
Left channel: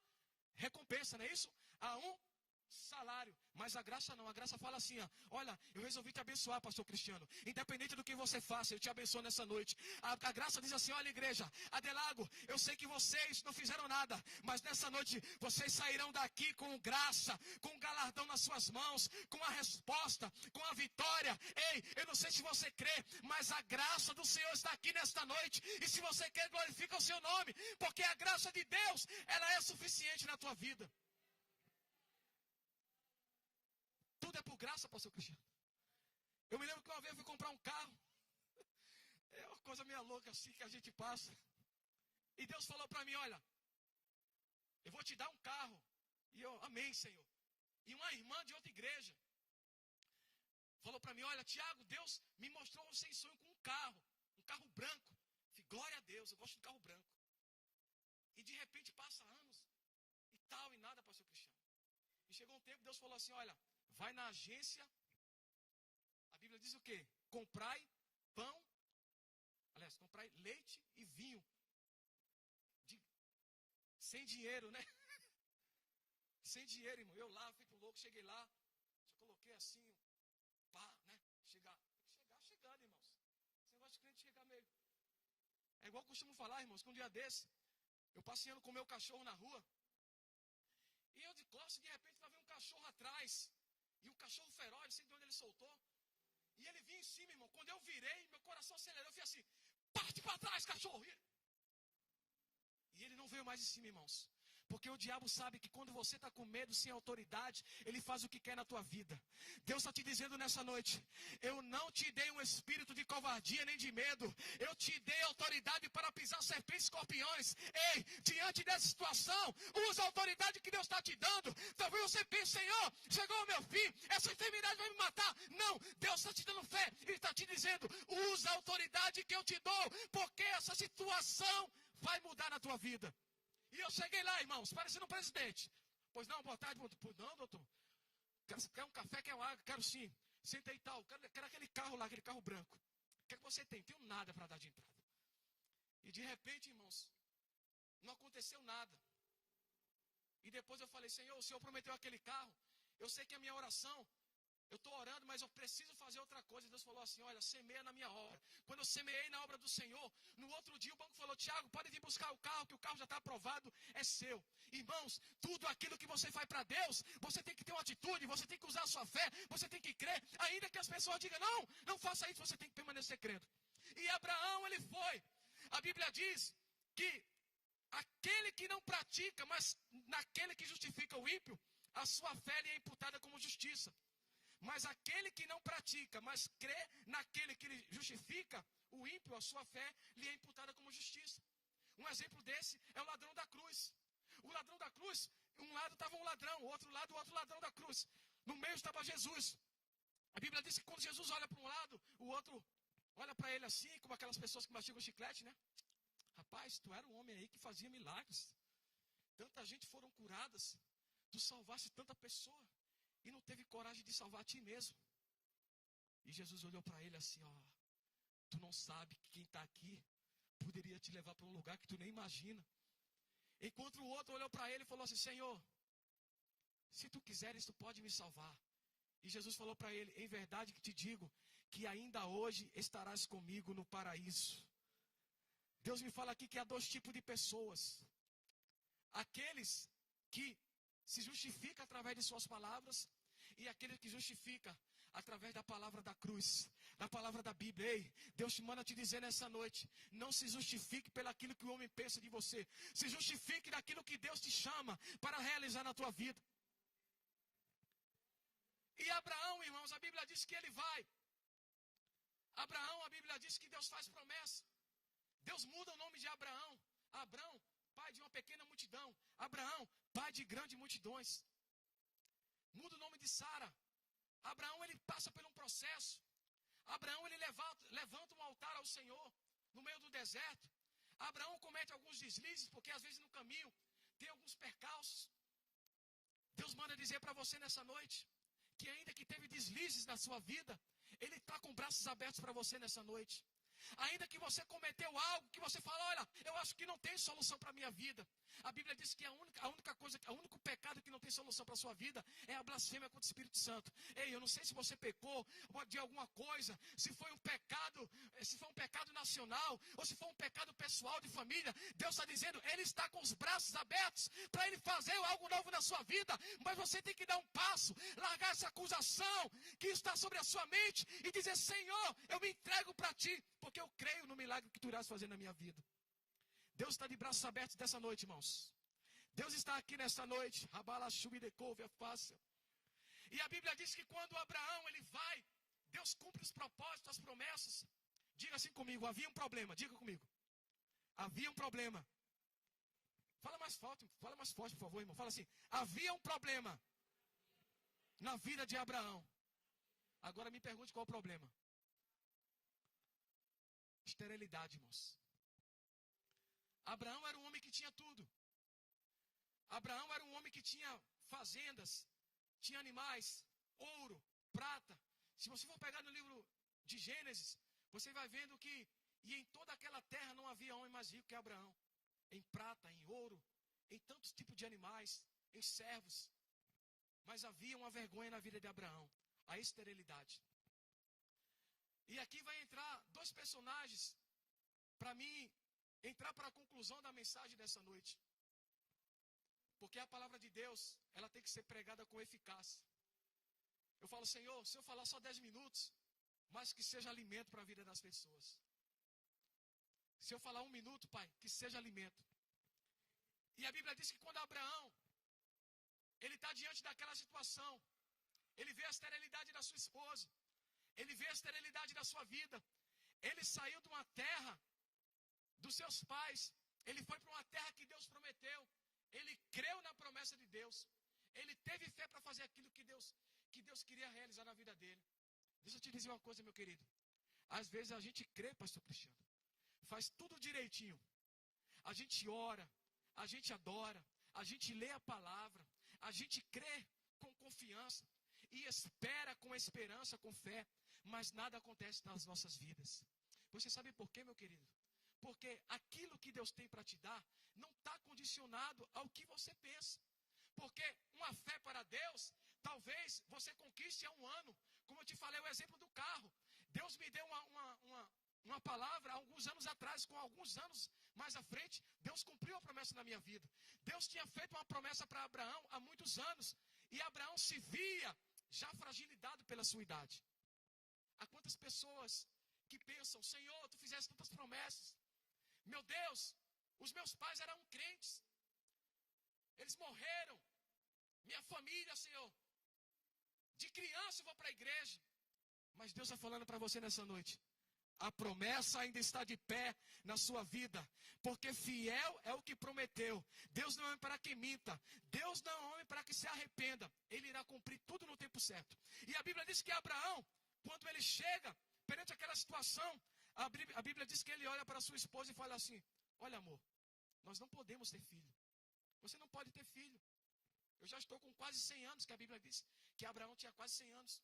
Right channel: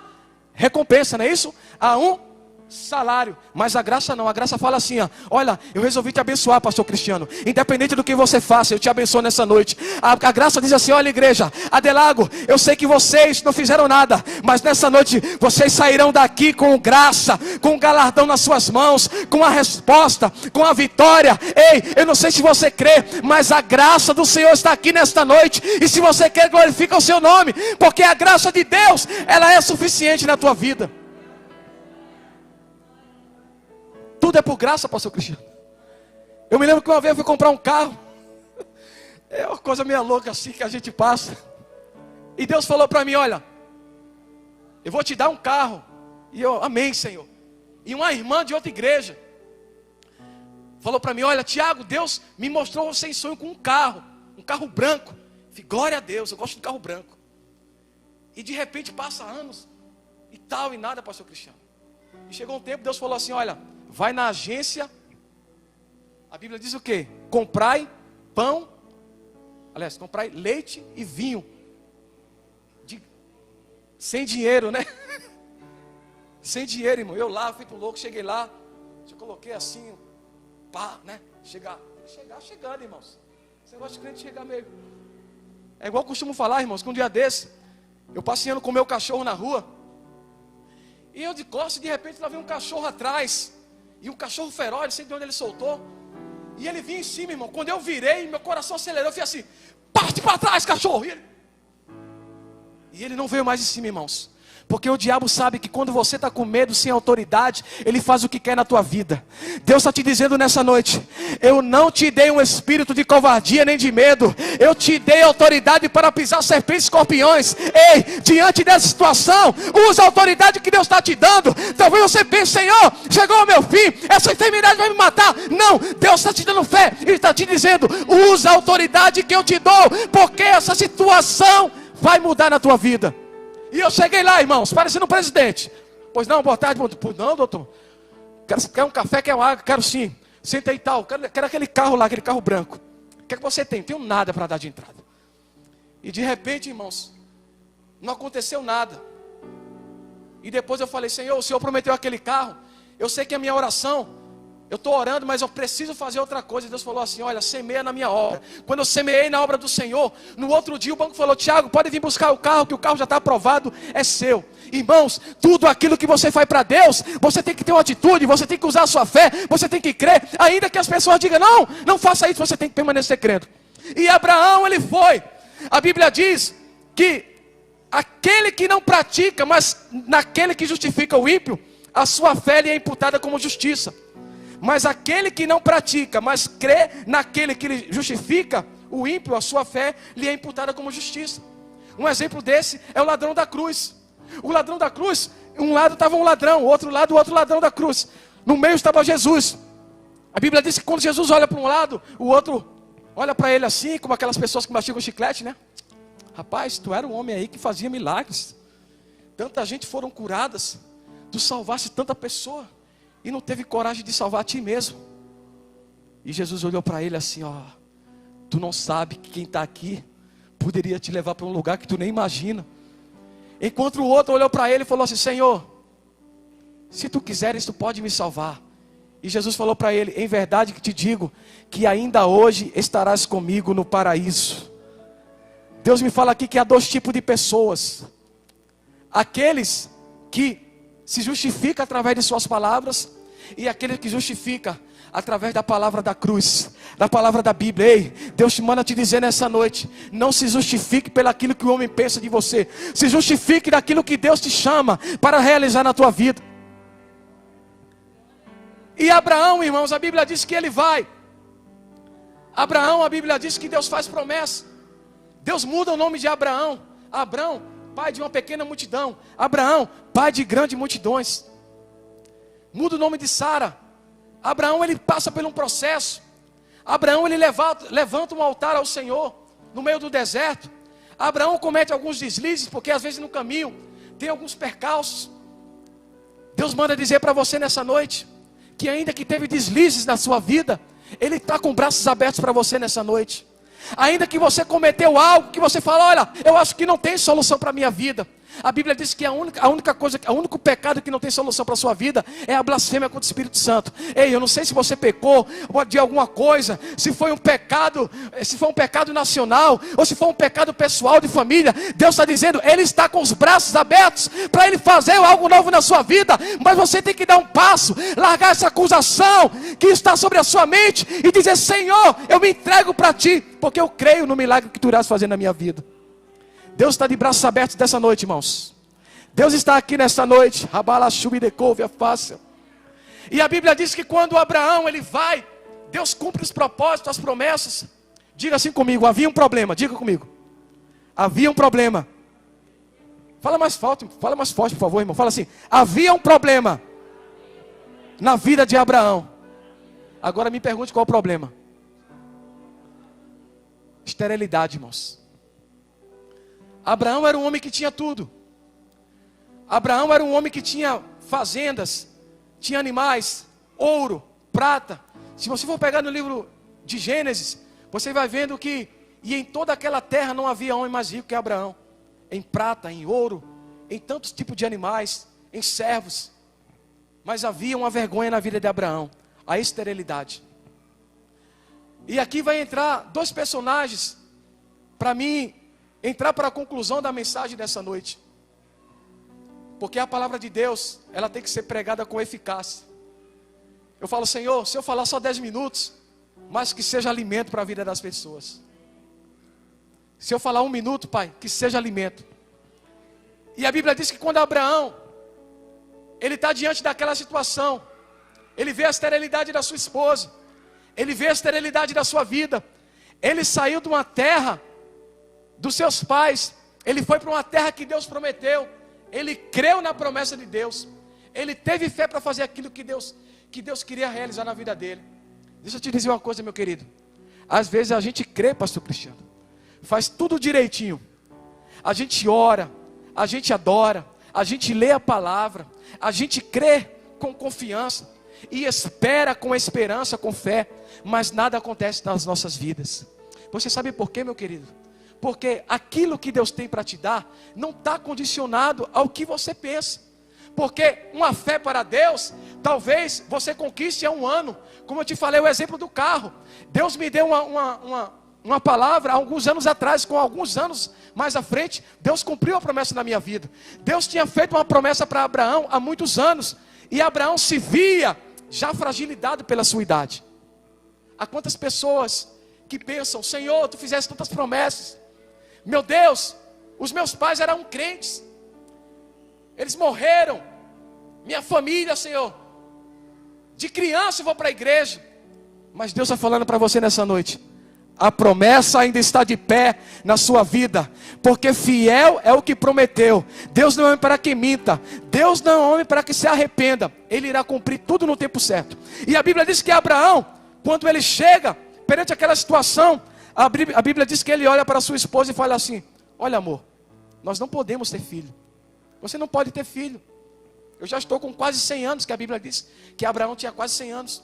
recompensa, não é isso? A um salário. Mas a graça não, a graça fala assim, ó, olha, eu resolvi te abençoar, pastor Cristiano, independente do que você faça, eu te abençoo nessa noite. A graça diz assim, olha igreja, Adelago, eu sei que vocês não fizeram nada, mas nessa noite vocês sairão daqui com graça, com galardão nas suas mãos, com a resposta, com a vitória. Ei, eu não sei se você crê, mas a graça do Senhor está aqui nesta noite, e se você quer, glorifica o seu nome, porque a graça de Deus, ela é suficiente na tua vida. Tudo é por graça, pastor Cristiano. Eu me lembro que uma vez eu fui comprar um carro. É uma coisa meio louca assim que a gente passa. E Deus falou para mim, olha, eu vou te dar um carro. E eu, amém, Senhor. E uma irmã de outra igreja falou para mim, olha, Tiago, Deus me mostrou você em sonho com um carro branco. Eu falei, glória a Deus, eu gosto de carro branco. E de repente passa anos e tal, e nada, pastor Cristiano. E chegou um tempo, Deus falou assim, olha, vai na agência, a Bíblia diz o quê? Comprai pão, aliás, comprai leite e vinho, sem dinheiro, né? Sem dinheiro, irmão. Eu lá, fico louco, cheguei lá, eu coloquei assim, pá, né? Chegando, irmãos. Esse negócio de crente chegar meio. É igual eu costumo falar, irmãos, que um dia desse, eu passeando com o meu cachorro na rua, e eu de costas, de repente lá vem um cachorro atrás. E um cachorro feroz, não sei de onde ele soltou. E ele vinha em cima, irmão. Quando eu virei, meu coração acelerou. Eu fiz assim, parte para trás, cachorro. E ele não veio mais em cima, irmãos. Porque o diabo sabe que quando você está com medo, sem autoridade, ele faz o que quer na tua vida. Deus está te dizendo nessa noite, eu não te dei um espírito de covardia nem de medo. Eu te dei autoridade para pisar serpentes e escorpiões. Ei, diante dessa situação, usa a autoridade que Deus está te dando. Talvez você pense, Senhor, chegou o meu fim, essa enfermidade vai me matar. Não, Deus está te dando fé. Ele está te dizendo, usa a autoridade que eu te dou, porque essa situação vai mudar na tua vida. E eu cheguei lá, irmãos, parecendo um presidente. Pois não, boa tarde. Pois não, doutor. Quer um café, quer uma água? Quero sim. Senta aí e tal. Quero aquele carro lá, aquele carro branco. O que é que você tem? Não tenho nada para dar de entrada. E de repente, irmãos, não aconteceu nada. E depois eu falei, Senhor, o Senhor prometeu aquele carro. Eu sei que a minha oração, eu estou orando, mas eu preciso fazer outra coisa. E Deus falou assim, olha, semeia na minha obra. Quando eu semeei na obra do Senhor, no outro dia o banco falou, Tiago, pode vir buscar o carro, que o carro já está aprovado, é seu. Irmãos, tudo aquilo que você faz para Deus, você tem que ter uma atitude, você tem que usar a sua fé, você tem que crer. Ainda que as pessoas digam, não faça isso, você tem que permanecer crendo. E Abraão, ele foi. A Bíblia diz que aquele que não pratica, mas naquele que justifica o ímpio, a sua fé lhe é imputada como justiça. Mas aquele que não pratica, mas crê naquele que lhe justifica, o ímpio, a sua fé, lhe é imputada como justiça. Um exemplo desse é o ladrão da cruz. O ladrão da cruz, um lado estava um ladrão, o outro ladrão da cruz. No meio estava Jesus. A Bíblia diz que quando Jesus olha para um lado, o outro olha para ele assim, como aquelas pessoas que mastigam chiclete, né? Rapaz, tu era um homem aí que fazia milagres. Tanta gente foram curadas. Tu salvaste tanta pessoa. E não teve coragem de salvar a ti mesmo. E Jesus olhou para ele assim, ó, tu não sabe que quem está aqui poderia te levar para um lugar que tu nem imagina. Enquanto o outro olhou para ele e falou assim, Senhor, se tu quiseres, tu pode me salvar. E Jesus falou para ele, em verdade que te digo, que ainda hoje estarás comigo no paraíso. Deus me fala aqui que há dois tipos de pessoas. Aqueles que se justifica através de suas palavras, e aquele que justifica através da palavra da cruz, da palavra da Bíblia. Ei, Deus te manda te dizer nessa noite, não se justifique pelaquilo que o homem pensa de você, se justifique daquilo que Deus te chama para realizar na tua vida. E Abraão, irmãos, a Bíblia diz que ele vai. Abraão, a Bíblia diz que Deus faz promessa. Deus muda o nome de Abraão. Abraão, pai de uma pequena multidão. Abraão, pai de grandes multidões. Muda o nome de Sara. Abraão, ele passa por um processo. Abraão, ele levanta um altar ao Senhor no meio do deserto. Abraão comete alguns deslizes, porque às vezes no caminho tem alguns percalços. Deus manda dizer para você nessa noite, que ainda que teve deslizes na sua vida, Ele está com braços abertos para você nessa noite. Ainda que você cometeu algo, que você fala, olha, eu acho que não tem solução para a minha vida. A Bíblia diz que o único pecado que não tem solução para a sua vida é a blasfêmia contra o Espírito Santo. Ei, eu não sei se você pecou de alguma coisa, se foi um pecado nacional, ou se foi um pecado pessoal de família. Deus está dizendo, Ele está com os braços abertos para Ele fazer algo novo na sua vida. Mas você tem que dar um passo, largar essa acusação que está sobre a sua mente e dizer, Senhor, eu me entrego para Ti, porque eu creio no milagre que Tu irás fazer na minha vida. Deus está de braços abertos dessa noite, irmãos. Deus está aqui nessa noite. E a Bíblia diz que quando Abraão ele vai, Deus cumpre os propósitos, as promessas. Diga assim comigo, havia um problema. Diga comigo. Havia um problema. Fala mais forte, por favor, irmão. Fala assim, havia um problema na vida de Abraão. Agora me pergunte qual é o problema. Esterilidade, irmãos. Abraão era um homem que tinha tudo. Abraão era um homem que tinha fazendas, tinha animais, ouro, prata. Se você for pegar no livro de Gênesis, você vai vendo que em toda aquela terra não havia homem mais rico que Abraão. Em prata, em ouro, em tantos tipos de animais, em servos. Mas havia uma vergonha na vida de Abraão, a esterilidade. E aqui vai entrar dois personagens, para mim, entrar para a conclusão da mensagem dessa noite. Porque a palavra de Deus, ela tem que ser pregada com eficácia. Eu falo, Senhor, se eu falar só 10 minutos, mas que seja alimento para a vida das pessoas. Se eu falar 1 minuto, Pai, que seja alimento. E a Bíblia diz que quando Abraão, ele está diante daquela situação, ele vê a esterilidade da sua esposa, ele vê a esterilidade da sua vida, ele saiu de uma terra dos seus pais, ele foi para uma terra que Deus prometeu, ele creu na promessa de Deus, ele teve fé para fazer aquilo que Deus queria realizar na vida dele. Deixa eu te dizer uma coisa, meu querido, às vezes a gente crê, pastor Cristiano, faz tudo direitinho, a gente ora, a gente adora, a gente lê a palavra, a gente crê com confiança, e espera com esperança, com fé, mas nada acontece nas nossas vidas. Você sabe por quê, meu querido? Porque aquilo que Deus tem para te dar, não está condicionado ao que você pensa. Porque uma fé para Deus, talvez você conquiste em 1 ano. Como eu te falei, o exemplo do carro. Deus me deu uma palavra há alguns anos atrás, com alguns anos mais à frente, Deus cumpriu a promessa na minha vida. Deus tinha feito uma promessa para Abraão há muitos anos, e Abraão se via já fragilizado pela sua idade. Há quantas pessoas que pensam, Senhor, Tu fizeste tantas promessas, meu Deus, os meus pais eram crentes, eles morreram, minha família, Senhor, de criança eu vou para a igreja, mas Deus está falando para você nessa noite, a promessa ainda está de pé na sua vida, porque fiel é o que prometeu. Deus não é homem para que minta, Deus não é homem para que se arrependa, Ele irá cumprir tudo no tempo certo. E a Bíblia diz que Abraão, quando ele chega perante aquela situação, a Bíblia diz que ele olha para sua esposa e fala assim, olha amor, nós não podemos ter filho, você não pode ter filho, eu já estou com quase 100 anos, que a Bíblia diz que Abraão tinha quase 100 anos,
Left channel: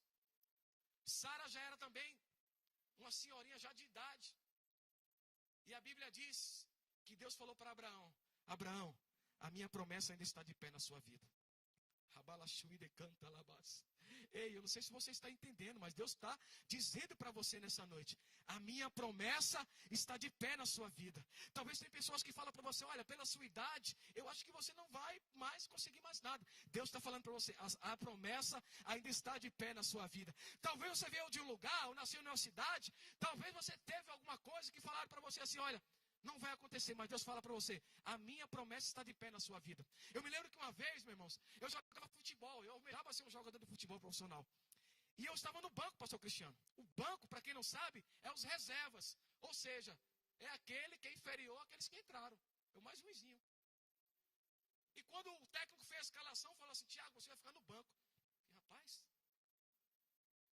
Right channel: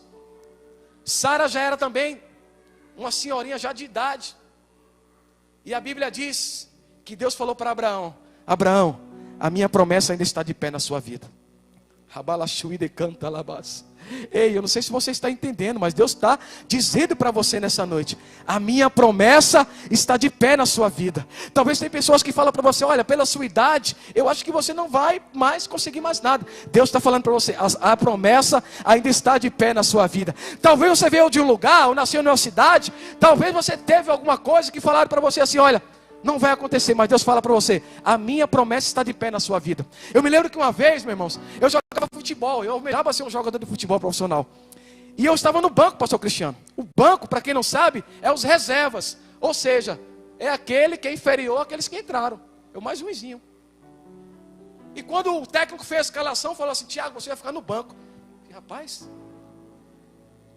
Sara já era também uma senhorinha já de idade, e a Bíblia diz que Deus falou para Abraão, Abraão, a minha promessa ainda está de pé na sua vida. Ei, eu não sei se você está entendendo, mas Deus está dizendo para você nessa noite, a minha promessa está de pé na sua vida. Talvez tem pessoas que falam para você, olha, pela sua idade, eu acho que você não vai mais conseguir mais nada. Deus está falando para você, a promessa ainda está de pé na sua vida. Talvez você veio de um lugar, ou nasceu em uma cidade, talvez você teve alguma coisa que falaram para você assim, olha, não vai acontecer, mas Deus fala para você, a minha promessa está de pé na sua vida. Eu me lembro que uma vez, meus irmãos, eu jogava futebol, eu almejava ser um jogador de futebol profissional. E eu estava no banco, pastor Cristiano. O banco, para quem não sabe, é os reservas. Ou seja, é aquele que é inferior àqueles que entraram. Eu mais ruimzinho. E quando o técnico fez a escalação, falou assim, Tiago, você vai ficar no banco. E, rapaz,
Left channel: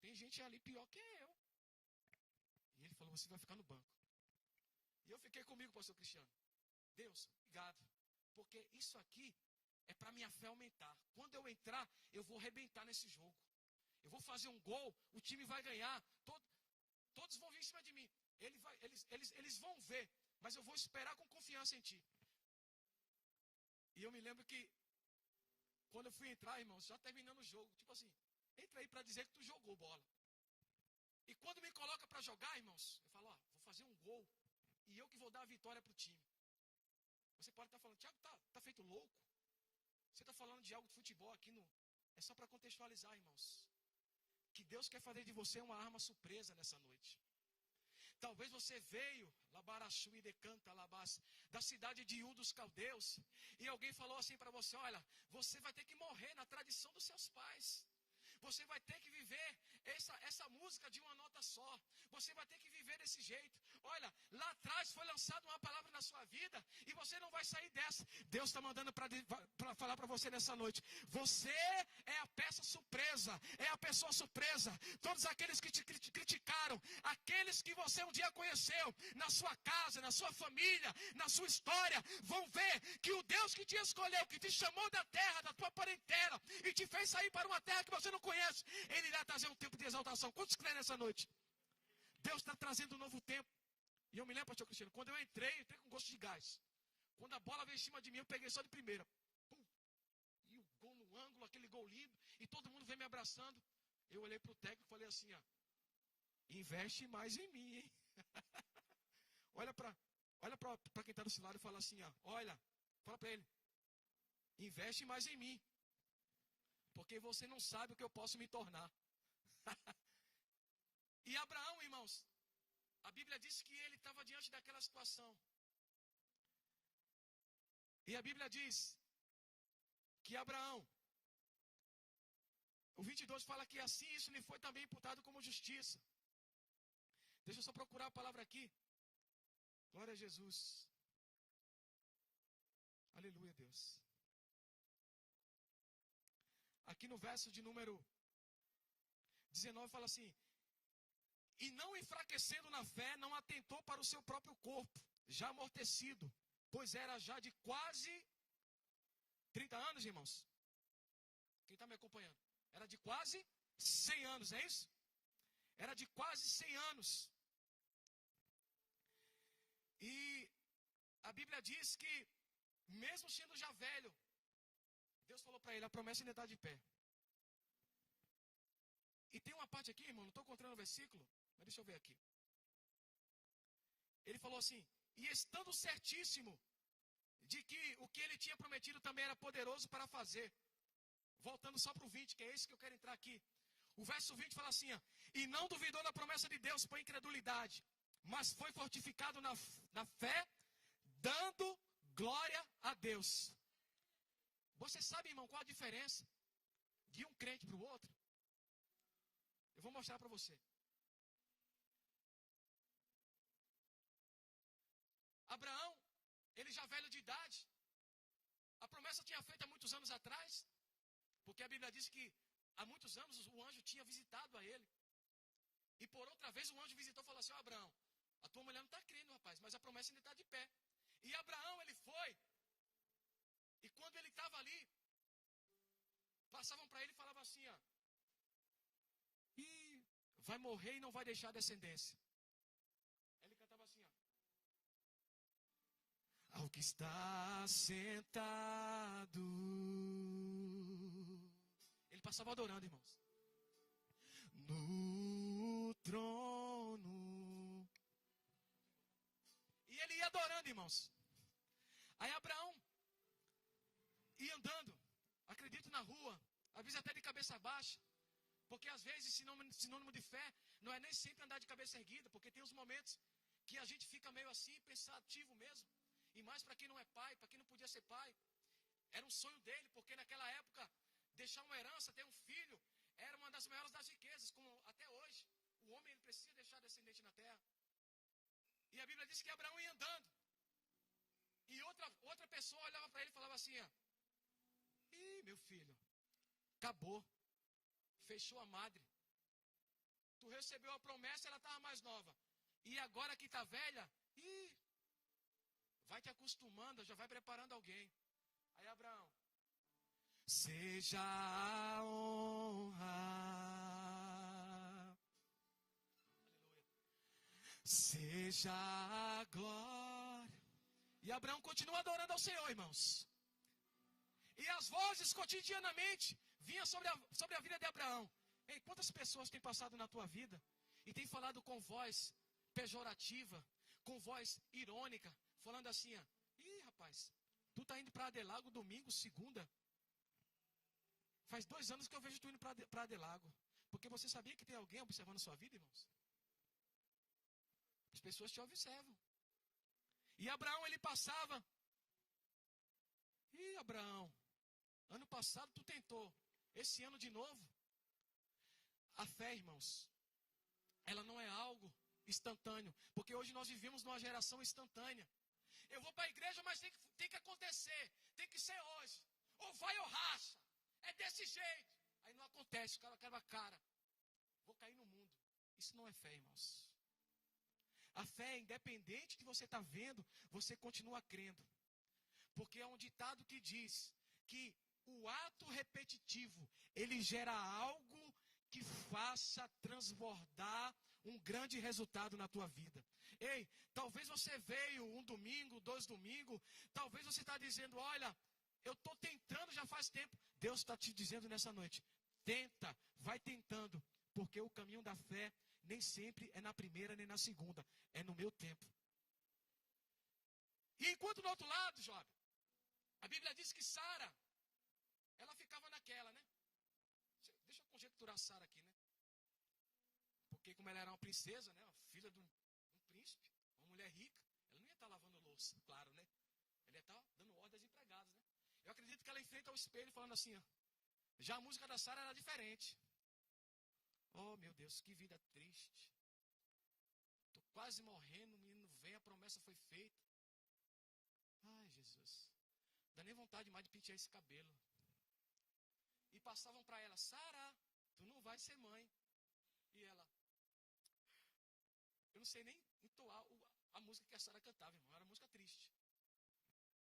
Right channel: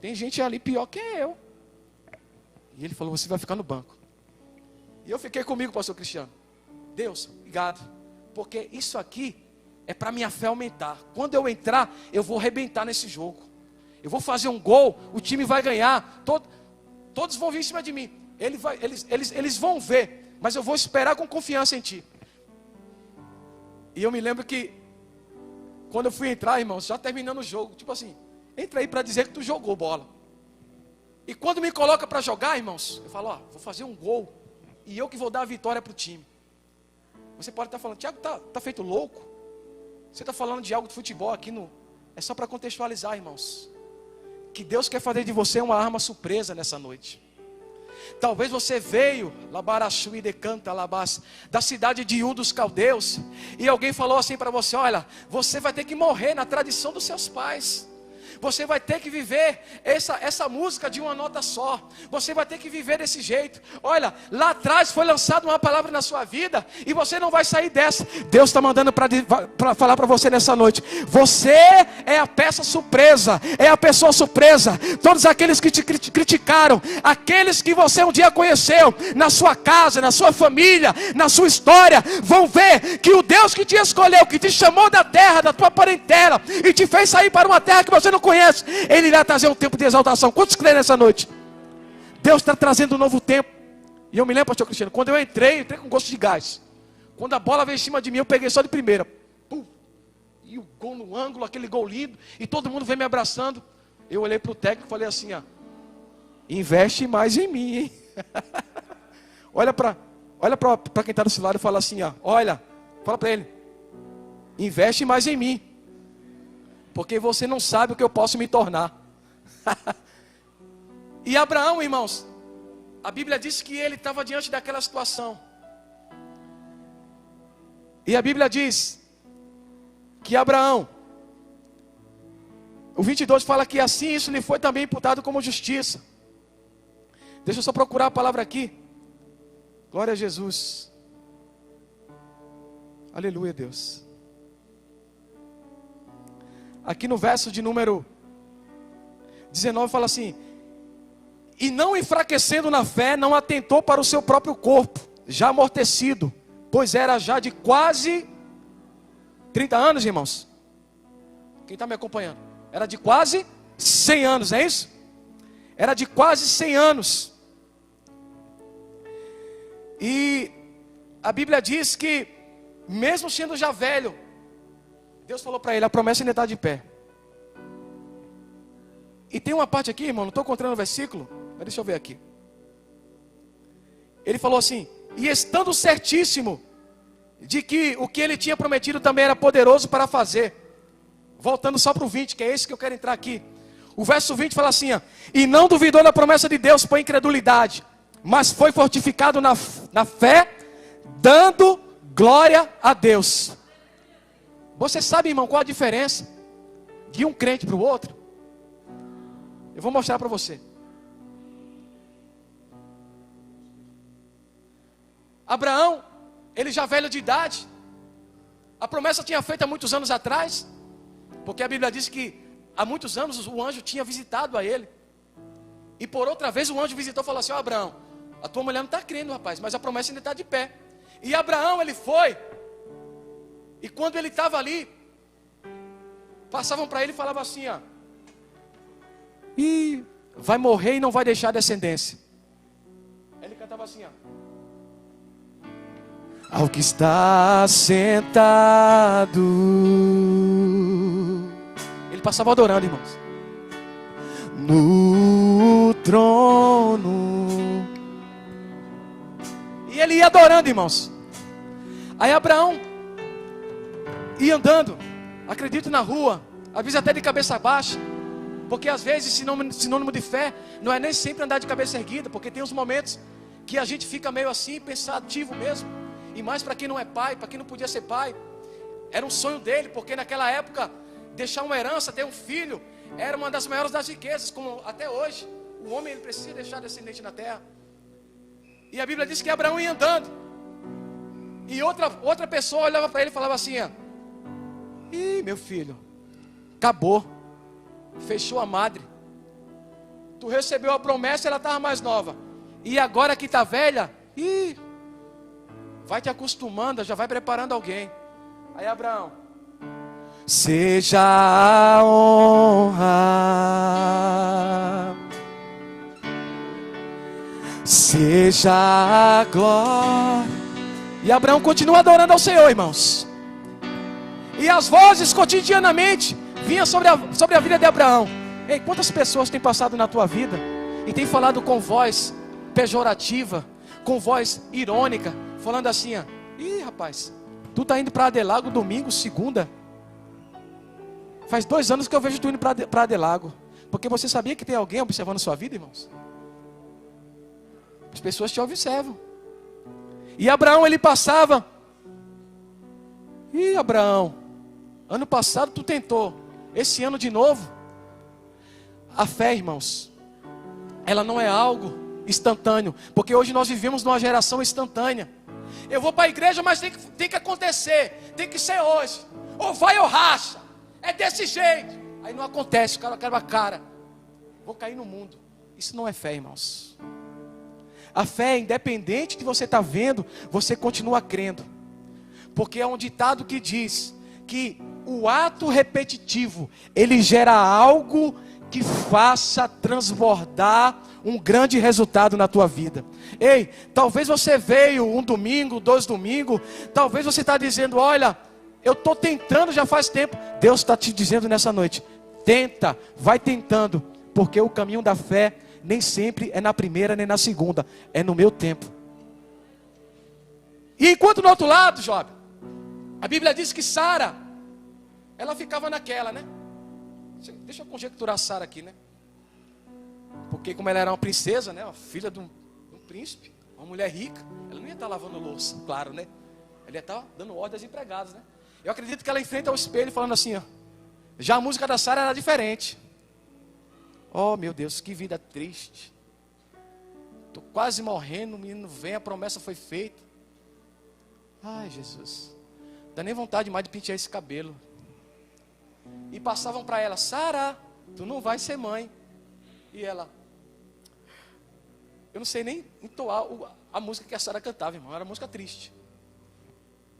tem gente ali pior que eu. E ele falou, você vai ficar no banco. E eu fiquei comigo, pastor Cristiano. Deus, obrigado. Porque isso aqui é para minha fé aumentar. Quando eu entrar, eu vou arrebentar nesse jogo. Eu vou fazer um gol, o time vai ganhar. Todos vão vir em cima de mim. Eles vão ver, mas eu vou esperar com confiança em ti. E eu me lembro que, quando eu fui entrar, irmãos, já terminando o jogo, tipo assim, entra aí para dizer que tu jogou bola. E quando me coloca para jogar, irmãos, eu falo, ó, vou fazer um gol, e eu que vou dar a vitória para o time. Você pode estar falando, Tiago, tá feito louco? Você está falando de algo de futebol aqui no... É só para contextualizar, irmãos. Que Deus quer fazer de você uma arma surpresa nessa noite. Talvez você veio, Labarachu e Decanta, Labás, da cidade de Ur dos Caldeus, e alguém falou assim para você, olha, você vai ter que morrer na tradição dos seus pais. Você vai ter que viver essa música de uma nota só. Você vai ter que viver desse jeito. Olha, lá atrás foi lançada uma palavra na sua vida e você não vai sair dessa. Deus está mandando para falar para você nessa noite. Você é a peça surpresa, é a pessoa surpresa. Todos aqueles que te criticaram, aqueles que você um dia conheceu, na sua casa, na sua família, na sua história, vão ver que o Deus que te escolheu, que te chamou da terra, da tua parentela, e te fez sair para uma terra que você não conhece, Ele irá trazer um tempo de exaltação. Quantos creem nessa noite? Deus está trazendo um novo tempo. E eu me lembro, pastor Cristiano, quando eu entrei com gosto de gás. Quando a bola veio em cima de mim, eu peguei só de primeira. Pum. E o gol no ângulo, aquele gol lindo, e todo mundo veio me abraçando. Eu olhei para o técnico e falei assim, ó, investe mais em mim, hein? Olha para quem está do seu lado e fala assim, ó, olha, fala para ele, investe mais em mim. Porque você não sabe o que eu posso me tornar. E Abraão, irmãos, a Bíblia diz que ele estava diante daquela situação. E a Bíblia diz que Abraão, o 22 fala que assim isso lhe foi também imputado como justiça. Deixa eu só procurar a palavra aqui. Glória a Jesus. Aleluia, Deus. Aqui no verso de número 19 fala assim: e não enfraquecendo na fé, não atentou para o seu próprio corpo, já amortecido, pois era já de quase 30 anos, irmãos. Quem está me acompanhando? Era de quase 100 anos, não é isso? Era de quase 100 anos. E a Bíblia diz que, mesmo sendo já velho, Deus falou para ele, a promessa ainda está de pé. E tem uma parte aqui, irmão, não estou encontrando o versículo, mas deixa eu ver aqui. Ele falou assim, e estando certíssimo de que o que ele tinha prometido também era poderoso para fazer. Voltando só para o 20, que é esse que eu quero entrar aqui. O verso 20 fala assim, ó, e não duvidou da promessa de Deus por incredulidade, mas foi fortificado na fé, dando glória a Deus. Você sabe, irmão, qual a diferença de um crente para o outro? Eu vou mostrar para você. Abraão, ele já velho de idade, a promessa tinha feito há muitos anos atrás, porque a Bíblia diz que há muitos anos o anjo tinha visitado a ele. E por outra vez o anjo visitou e falou assim, ó Abraão, a tua mulher não está crendo, rapaz, mas a promessa ainda está de pé. E Abraão, ele foi. E quando ele estava ali, passavam para ele e falavam assim, ó, e vai morrer e não vai deixar descendência. Ele cantava assim, ó, ao que está sentado. Ele passava adorando, irmãos, no trono. E ele ia adorando, irmãos. Aí Abraão ia andando, acredito, na rua, às vezes até de cabeça baixa, porque às vezes sinônimo de fé não é nem sempre andar de cabeça erguida, porque tem uns momentos que a gente fica meio assim, pensativo mesmo, e mais para quem não é pai, para quem não podia ser pai. Era um sonho dele, porque naquela época deixar uma herança, ter um filho, era uma das maiores das riquezas, como até hoje o homem ele precisa deixar descendente na terra. E a Bíblia diz que Abraão ia andando, e outra pessoa olhava para ele e falava assim, ó, ih, meu filho, acabou, fechou a madre. Tu recebeu a promessa, ela estava mais nova, e agora que está velha, ih, vai te acostumando, já vai preparando alguém. Aí Abraão, seja a honra, seja a glória. E Abraão continua adorando ao Senhor, irmãos. E as vozes cotidianamente vinham sobre a vida de Abraão. Ei, quantas pessoas têm passado na tua vida e têm falado com voz pejorativa, com voz irônica, falando assim, ó, ih, rapaz, tu tá indo para Adelago domingo, segunda. Faz 2 anos que eu vejo tu indo para Adelago. Porque você sabia que tem alguém observando sua vida, irmãos? As pessoas te observam. E Abraão, ele passava. Ih, Abraão, ano passado tu tentou, esse ano de novo. A fé, irmãos, ela não é algo instantâneo, porque hoje nós vivemos numa geração instantânea. Eu vou para a igreja, mas tem que acontecer, tem que ser hoje, ou vai ou racha, é desse jeito. Aí não acontece, o cara quebra a cara, vou cair no mundo. Isso não é fé, irmãos. A fé, independente de você estar vendo, você continua crendo, porque é um ditado que diz que o ato repetitivo, ele gera algo que faça transbordar um grande resultado na tua vida. Ei, talvez você veio um domingo, 2 domingos, talvez você está dizendo, olha, eu estou tentando já faz tempo. Deus está te dizendo nessa noite, tenta, vai tentando, porque o caminho da fé nem sempre é na primeira nem na segunda, é no meu tempo. E enquanto no outro lado, Job, a Bíblia diz que Sara, ela ficava naquela, né? Deixa eu conjecturar Sara aqui, né? Porque como ela era uma princesa, né? Uma filha de um príncipe, uma mulher rica, ela não ia estar lavando louça, claro, né? Ela ia estar dando ordem aos empregados, né? Eu acredito que ela enfrenta o espelho falando assim, ó. Já a música da Sara era diferente. Oh, meu Deus, que vida triste. Estou quase morrendo, o menino vem, a promessa foi feita. Ai, Jesus. Não dá nem vontade mais de pentear esse cabelo. E passavam para ela, Sara, tu não vai ser mãe. E ela, eu não sei nem entoar a música que a Sara cantava, irmão, era música triste.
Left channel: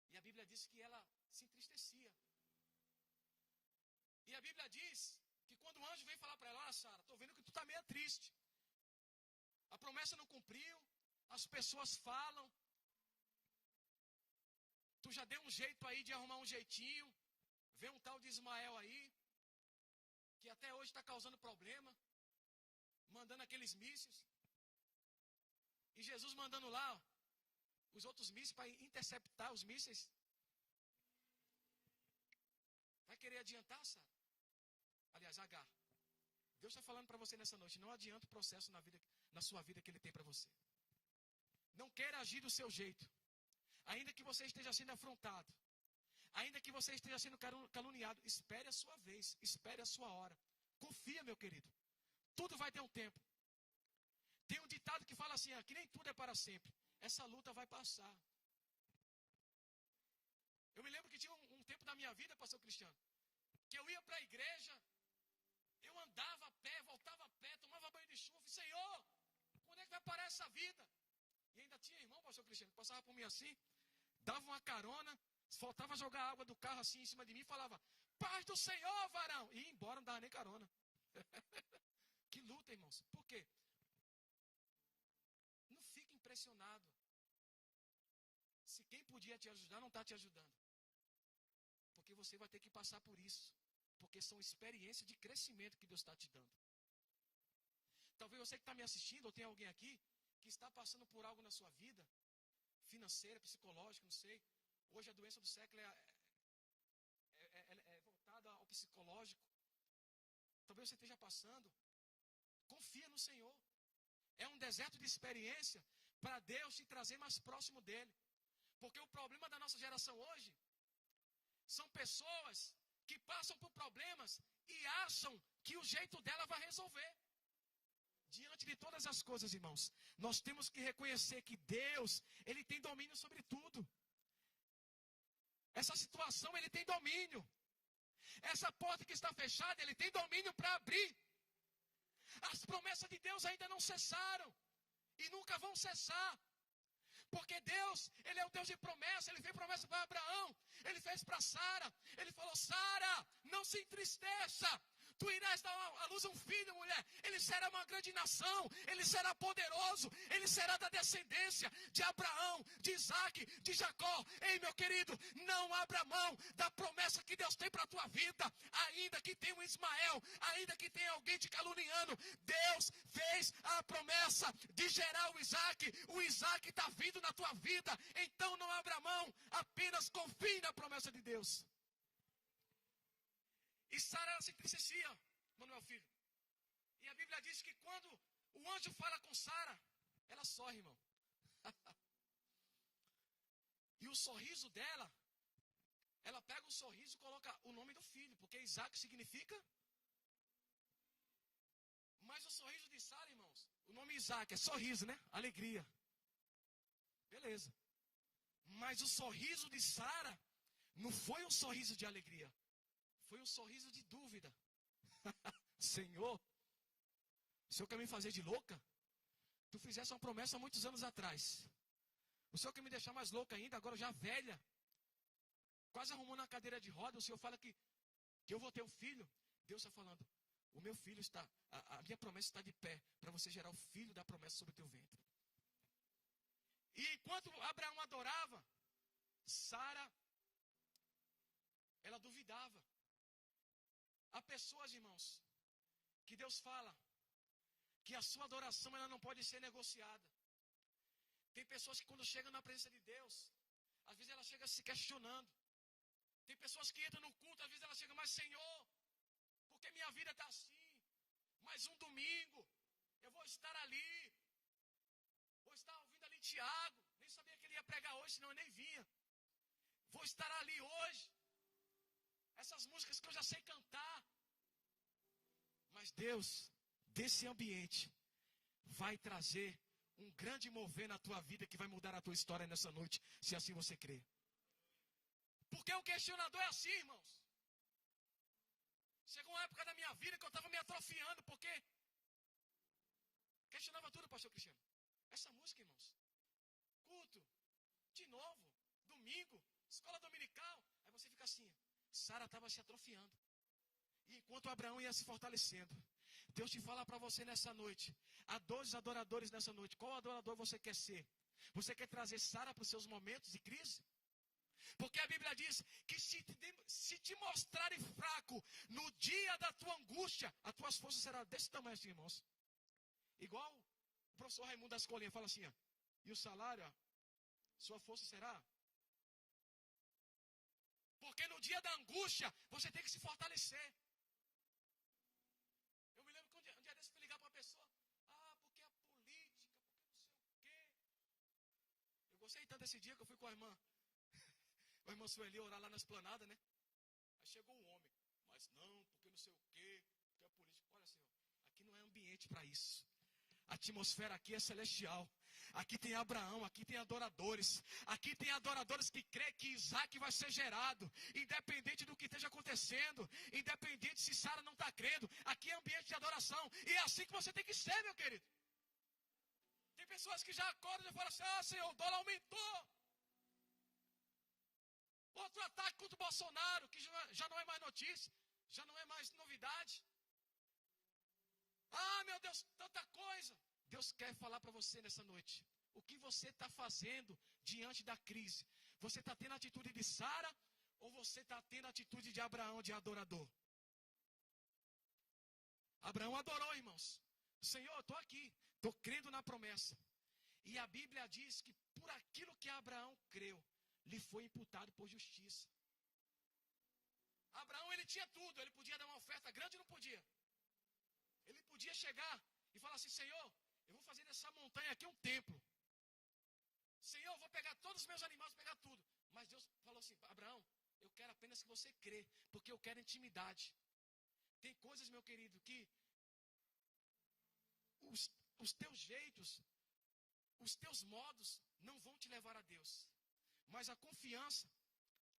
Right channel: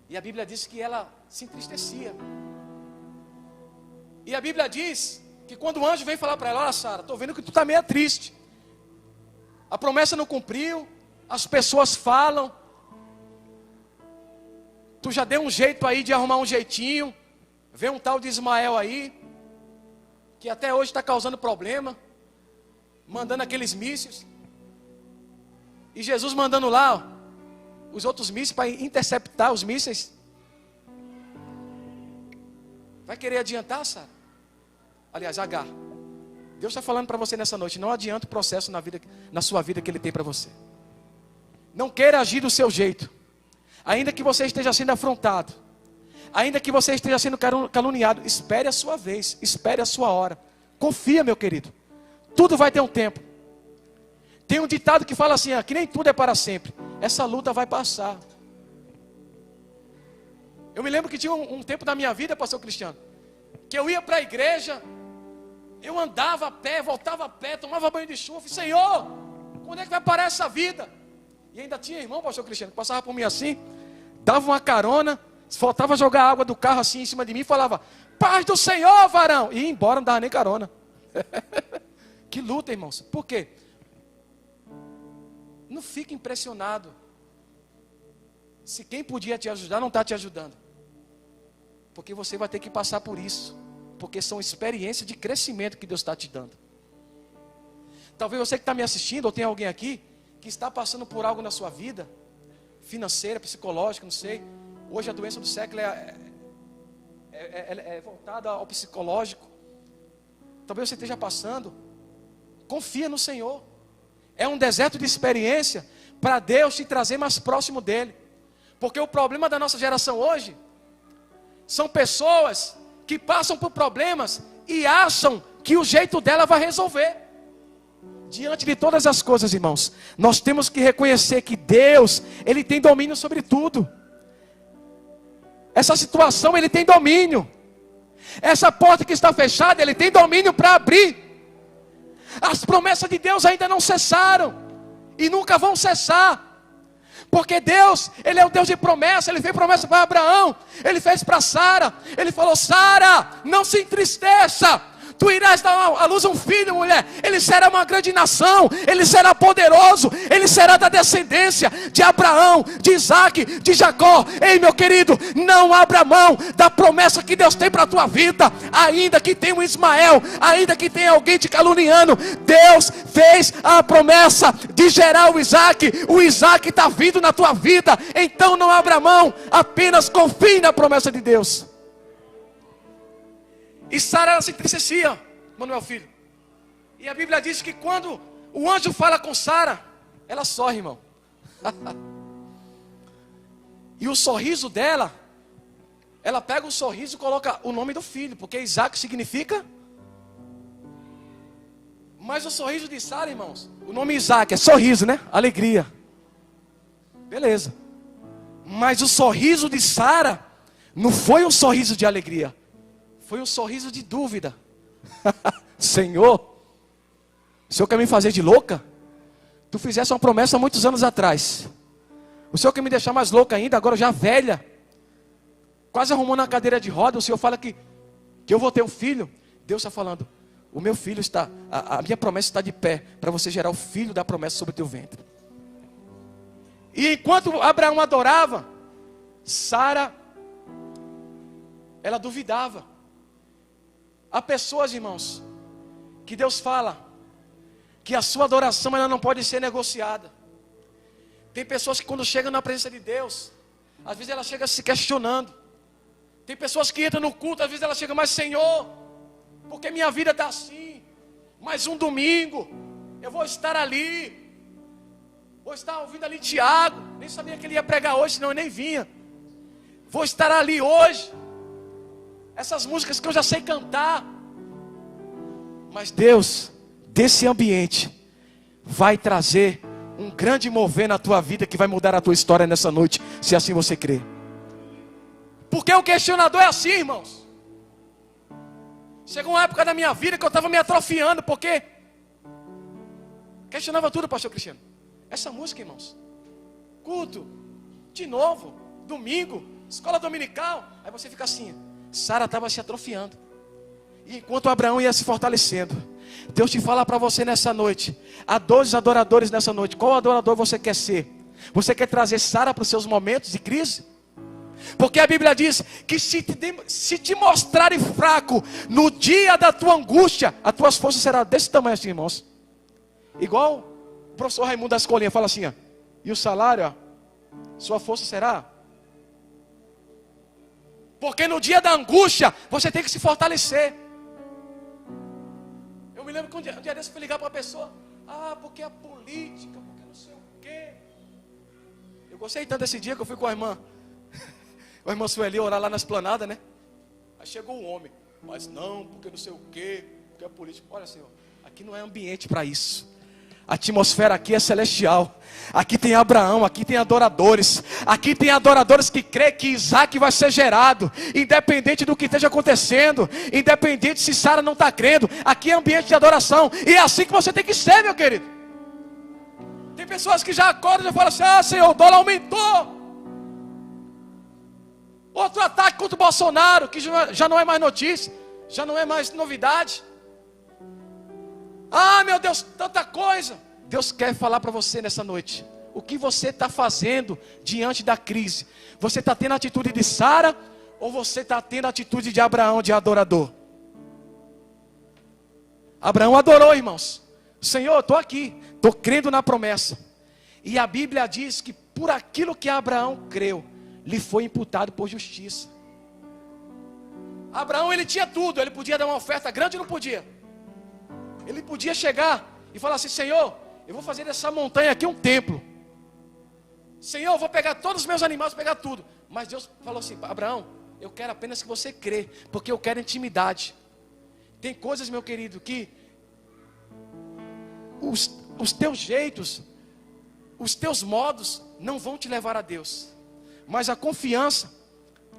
E a Bíblia diz que ela se entristecia. E a Bíblia diz que quando o anjo vem falar para ela, olha Sara, estou vendo que tu está meio triste. A promessa não cumpriu, as pessoas falam, tu já deu um jeito aí de arrumar um jeitinho. Vem um tal de Ismael aí, que até hoje está causando problema, mandando aqueles mísseis. E Jesus mandando lá, ó, os outros mísseis para interceptar os mísseis. Vai querer adiantar, Sara? Aliás, Agar, Deus está falando para você nessa noite, não adianta o processo na sua vida que Ele tem para você. Não queira agir do seu jeito, ainda que você esteja sendo afrontado. Ainda que você esteja sendo caluniado, espere a sua vez, espere a sua hora. Confia, meu querido. Tudo vai ter um tempo. Tem um ditado que fala assim, que nem tudo é para sempre. Essa luta vai passar. Eu me lembro que tinha um tempo da minha vida, pastor Cristiano, que eu ia para a igreja, eu andava a pé, voltava a pé, tomava banho de chuva. Senhor, quando é que vai parar essa vida? E ainda tinha irmão, pastor Cristiano, que passava por mim assim, dava uma carona, faltava jogar água do carro assim em cima de mim e falava, paz do Senhor, varão. E ia embora, não dava nem carona. Que luta, irmãos. Por quê? Não fique impressionado se quem podia te ajudar não está te ajudando. Porque você vai ter que passar por isso. Porque são experiências de crescimento que Deus está te dando. Talvez você que está me assistindo, ou tem alguém aqui que está passando por algo na sua vida, financeira, psicológica, não sei. Hoje a doença do século é voltada ao psicológico. Talvez você esteja passando. Confia no Senhor. É um deserto de experiência para Deus te trazer mais próximo dEle. Porque o problema da nossa geração hoje são pessoas que passam por problemas e acham que o jeito dela vai resolver. Diante de todas as coisas, irmãos, nós temos que reconhecer que Deus, Ele tem domínio sobre tudo. Essa situação Ele tem domínio. Essa porta que está fechada, Ele tem domínio para abrir. As promessas de Deus ainda não cessaram e nunca vão cessar. Porque Deus, Ele é o Deus de promessa. Ele fez promessa para Abraão, Ele fez para Sara. Ele falou: Sara, não se entristeça, tu irás dar à luz um filho, mulher. Ele será uma grande nação, ele será poderoso, ele será da descendência de Abraão, de Isaac, de Jacó. Ei, meu querido, não abra mão da promessa que Deus tem para a tua vida. Ainda que tenha um Ismael, ainda que tenha alguém te caluniando, Deus fez a promessa de gerar o Isaac está vindo na tua vida. Então não abra mão, apenas confie na promessa de Deus. E Sara se entristecia, Manuel filho. E a Bíblia diz que quando o anjo fala com Sara, ela sorri, irmão. E o sorriso dela, ela pega o sorriso e coloca o nome do filho, porque Isaac significa. Mas o sorriso de Sara, irmãos, o nome Isaac é sorriso, né? Alegria. Beleza. Mas o sorriso de Sara não foi um sorriso de alegria. Foi um sorriso de dúvida. Senhor, o Senhor quer me fazer de louca? Tu fizesse uma promessa há muitos anos atrás. O Senhor quer me deixar mais louca ainda, agora já velha, quase arrumando a cadeira de roda. O Senhor fala que eu vou ter um filho. Deus está falando: o meu filho está, a minha promessa está de pé, para você gerar o filho da promessa sobre o teu ventre. E enquanto Abraão adorava, Sara, ela duvidava. Há pessoas, irmãos, que Deus fala que a sua adoração ela não pode ser negociada. Tem pessoas que quando chegam na presença de Deus, às vezes ela chega se questionando. Tem pessoas que entram no culto, às vezes ela chega: mas Senhor, porque minha vida está assim? Mais um domingo, eu vou estar ali, vou estar ouvindo ali Tiago, nem sabia que ele ia pregar hoje, senão eu nem vinha. Vou estar ali hoje. Essas músicas que eu já sei cantar. Mas Deus, desse ambiente, vai trazer um grande mover na tua vida, que vai mudar a tua história nessa noite, se assim você crer. Porque o questionador é assim, irmãos. Chegou uma época da minha vida que eu estava me atrofiando, porque questionava tudo, pastor Cristiano. Essa música, irmãos, culto, de novo, domingo, escola dominical. Aí você fica assim. Sara estava se atrofiando. E enquanto Abraão ia se fortalecendo, Deus te fala para você nessa noite: há 12 adoradores nessa noite. Qual adorador você quer ser? Você quer trazer Sara para os seus momentos de crise? Porque a Bíblia diz que se te mostrarem fraco no dia da tua angústia, as tuas forças serão desse tamanho assim, irmãos. Igual o professor Raimundo da escolinha fala assim: ó, e o salário, ó, sua força será. Porque no dia da angústia, você tem que se fortalecer. Eu me lembro que um dia desse eu fui ligar para uma pessoa: porque a política, porque não sei o quê. Eu gostei tanto desse dia que eu fui com a irmã Sueli orar lá na esplanada, né? Aí chegou um homem: mas não, porque não sei o quê, porque a política. Olha, Senhor, aqui não é ambiente para isso. A atmosfera aqui é celestial. Aqui tem Abraão, aqui tem adoradores. Aqui tem adoradores que crê que Isaac vai ser gerado, independente do que esteja acontecendo, independente se Sara não está crendo. Aqui é ambiente de adoração. E é assim que você tem que ser, meu querido. Tem pessoas que já acordam e já falam assim: Senhor, o dólar aumentou. Outro ataque contra o Bolsonaro, que já não é mais notícia, já não é mais novidade. Meu Deus, tanta coisa. Deus quer falar para você nessa noite: o que você está fazendo diante da crise? Você está tendo a atitude de Sara, ou você está tendo a atitude de Abraão, de adorador? Abraão adorou, irmãos. Senhor, estou aqui, estou crendo na promessa. E a Bíblia diz que por aquilo que Abraão creu, lhe foi imputado por justiça. Abraão, ele tinha tudo. Ele podia dar uma oferta grande ou não podia? Ele podia chegar e falar assim: Senhor, eu vou fazer dessa montanha aqui um templo. Senhor, eu vou pegar todos os meus animais, vou pegar tudo. Mas Deus falou assim: Abraão, eu quero apenas que você crê, porque eu quero intimidade. Tem coisas, meu querido, que os teus jeitos, os teus modos não vão te levar a Deus. Mas a confiança,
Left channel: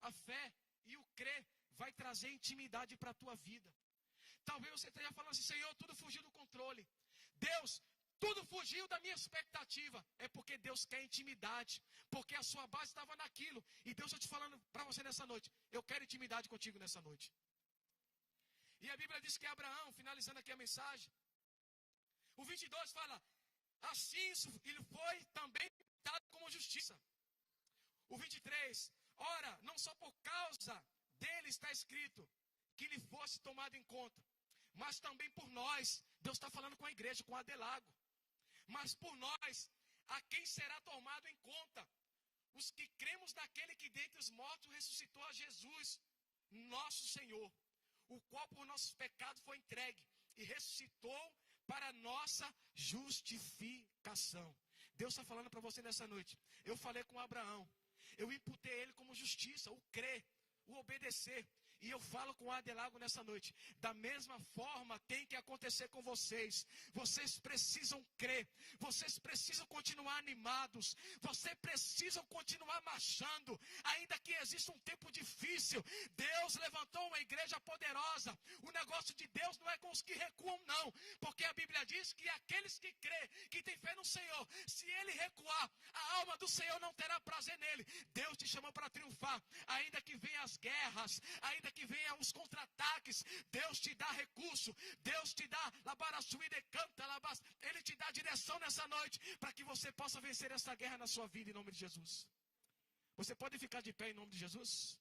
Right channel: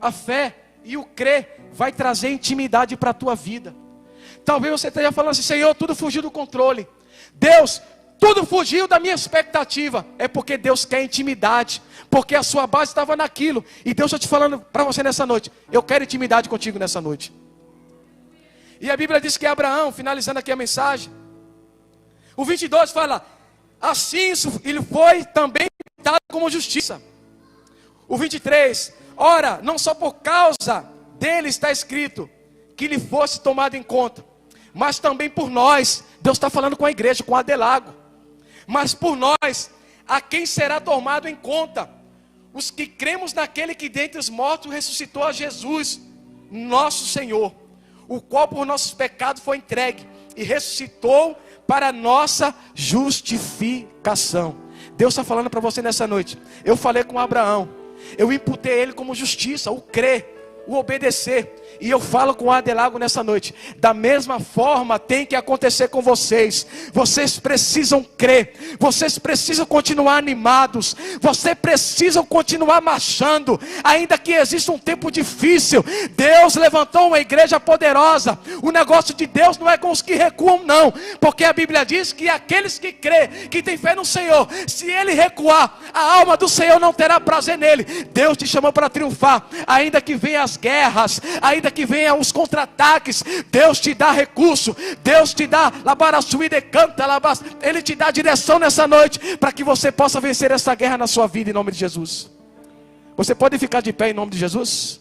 a fé e o crer vai trazer intimidade para a tua vida. Talvez você esteja falando assim: Senhor, tudo fugiu do controle. Deus, tudo fugiu da minha expectativa. É porque Deus quer intimidade, porque a sua base estava naquilo. E Deus está te falando para você nessa noite: eu quero intimidade contigo nessa noite. E a Bíblia diz que Abraão, finalizando aqui a mensagem, o 22 fala: assim ele foi também dado como justiça. O 23, ora, não só por causa dele está escrito que ele fosse tomado em conta, mas também por nós. Deus está falando com a igreja, com Adelago. Mas por nós, a quem será tomado em conta? Os que cremos naquele que dentre os mortos ressuscitou a Jesus, nosso Senhor, o qual por nossos pecados foi entregue e ressuscitou para nossa justificação. Deus está falando para você nessa noite. Eu falei com Abraão, eu imputei ele como justiça, o crer, o obedecer. E eu falo com Adelago nessa noite: da mesma forma tem que acontecer com vocês. Vocês precisam crer, vocês precisam continuar animados, vocês precisam continuar marchando, ainda que exista um tempo difícil. Deus levantou uma igreja poderosa. O negócio de Deus não é com os que recuam, não, porque a Bíblia diz que aqueles que crê, que tem fé no Senhor, se ele recuar, a alma do Senhor não terá prazer nele. Deus te chamou para triunfar, ainda que venham as guerras, ainda que venham os contra-ataques. Deus te dá recurso, Deus te dá labaraçuíde canta, Ele te dá direção nessa noite, para que você possa vencer essa guerra na sua vida, em nome de Jesus. Você pode ficar de pé em nome de Jesus?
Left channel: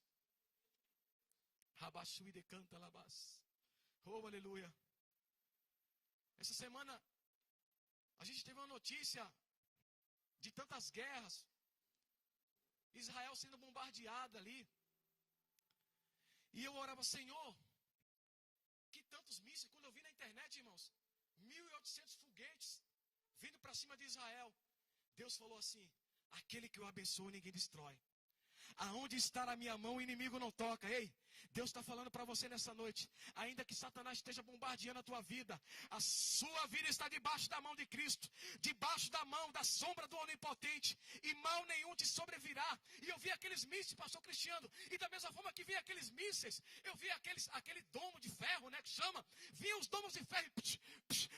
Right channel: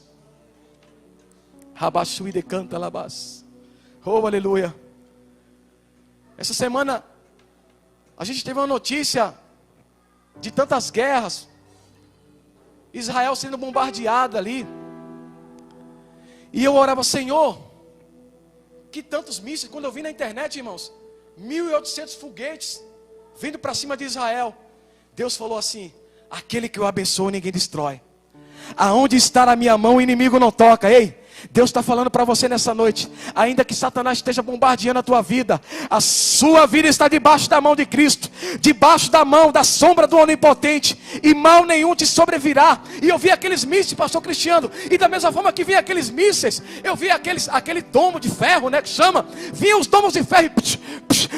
Rabaçuíde canta, labas. Oh, aleluia. Essa semana a gente teve uma notícia de tantas guerras, Israel sendo bombardeada ali. E eu orava: Senhor, que tantos mísseis. Quando eu vi na internet, irmãos, 1.800 foguetes vindo para cima de Israel. Deus falou assim: aquele que eu abençoo ninguém destrói. Aonde está a minha mão o inimigo não toca. Ei, Deus está falando para você nessa noite: ainda que Satanás esteja bombardeando a tua vida, a sua vida está debaixo da mão de Cristo, debaixo da mão, da sombra do Onipotente, e mal nenhum te sobrevirá. E eu vi aqueles mísseis, pastor Cristiano, e da mesma forma que vi aqueles mísseis, eu vi aquele domo de ferro, né, que chama, vinha os domos de ferro, e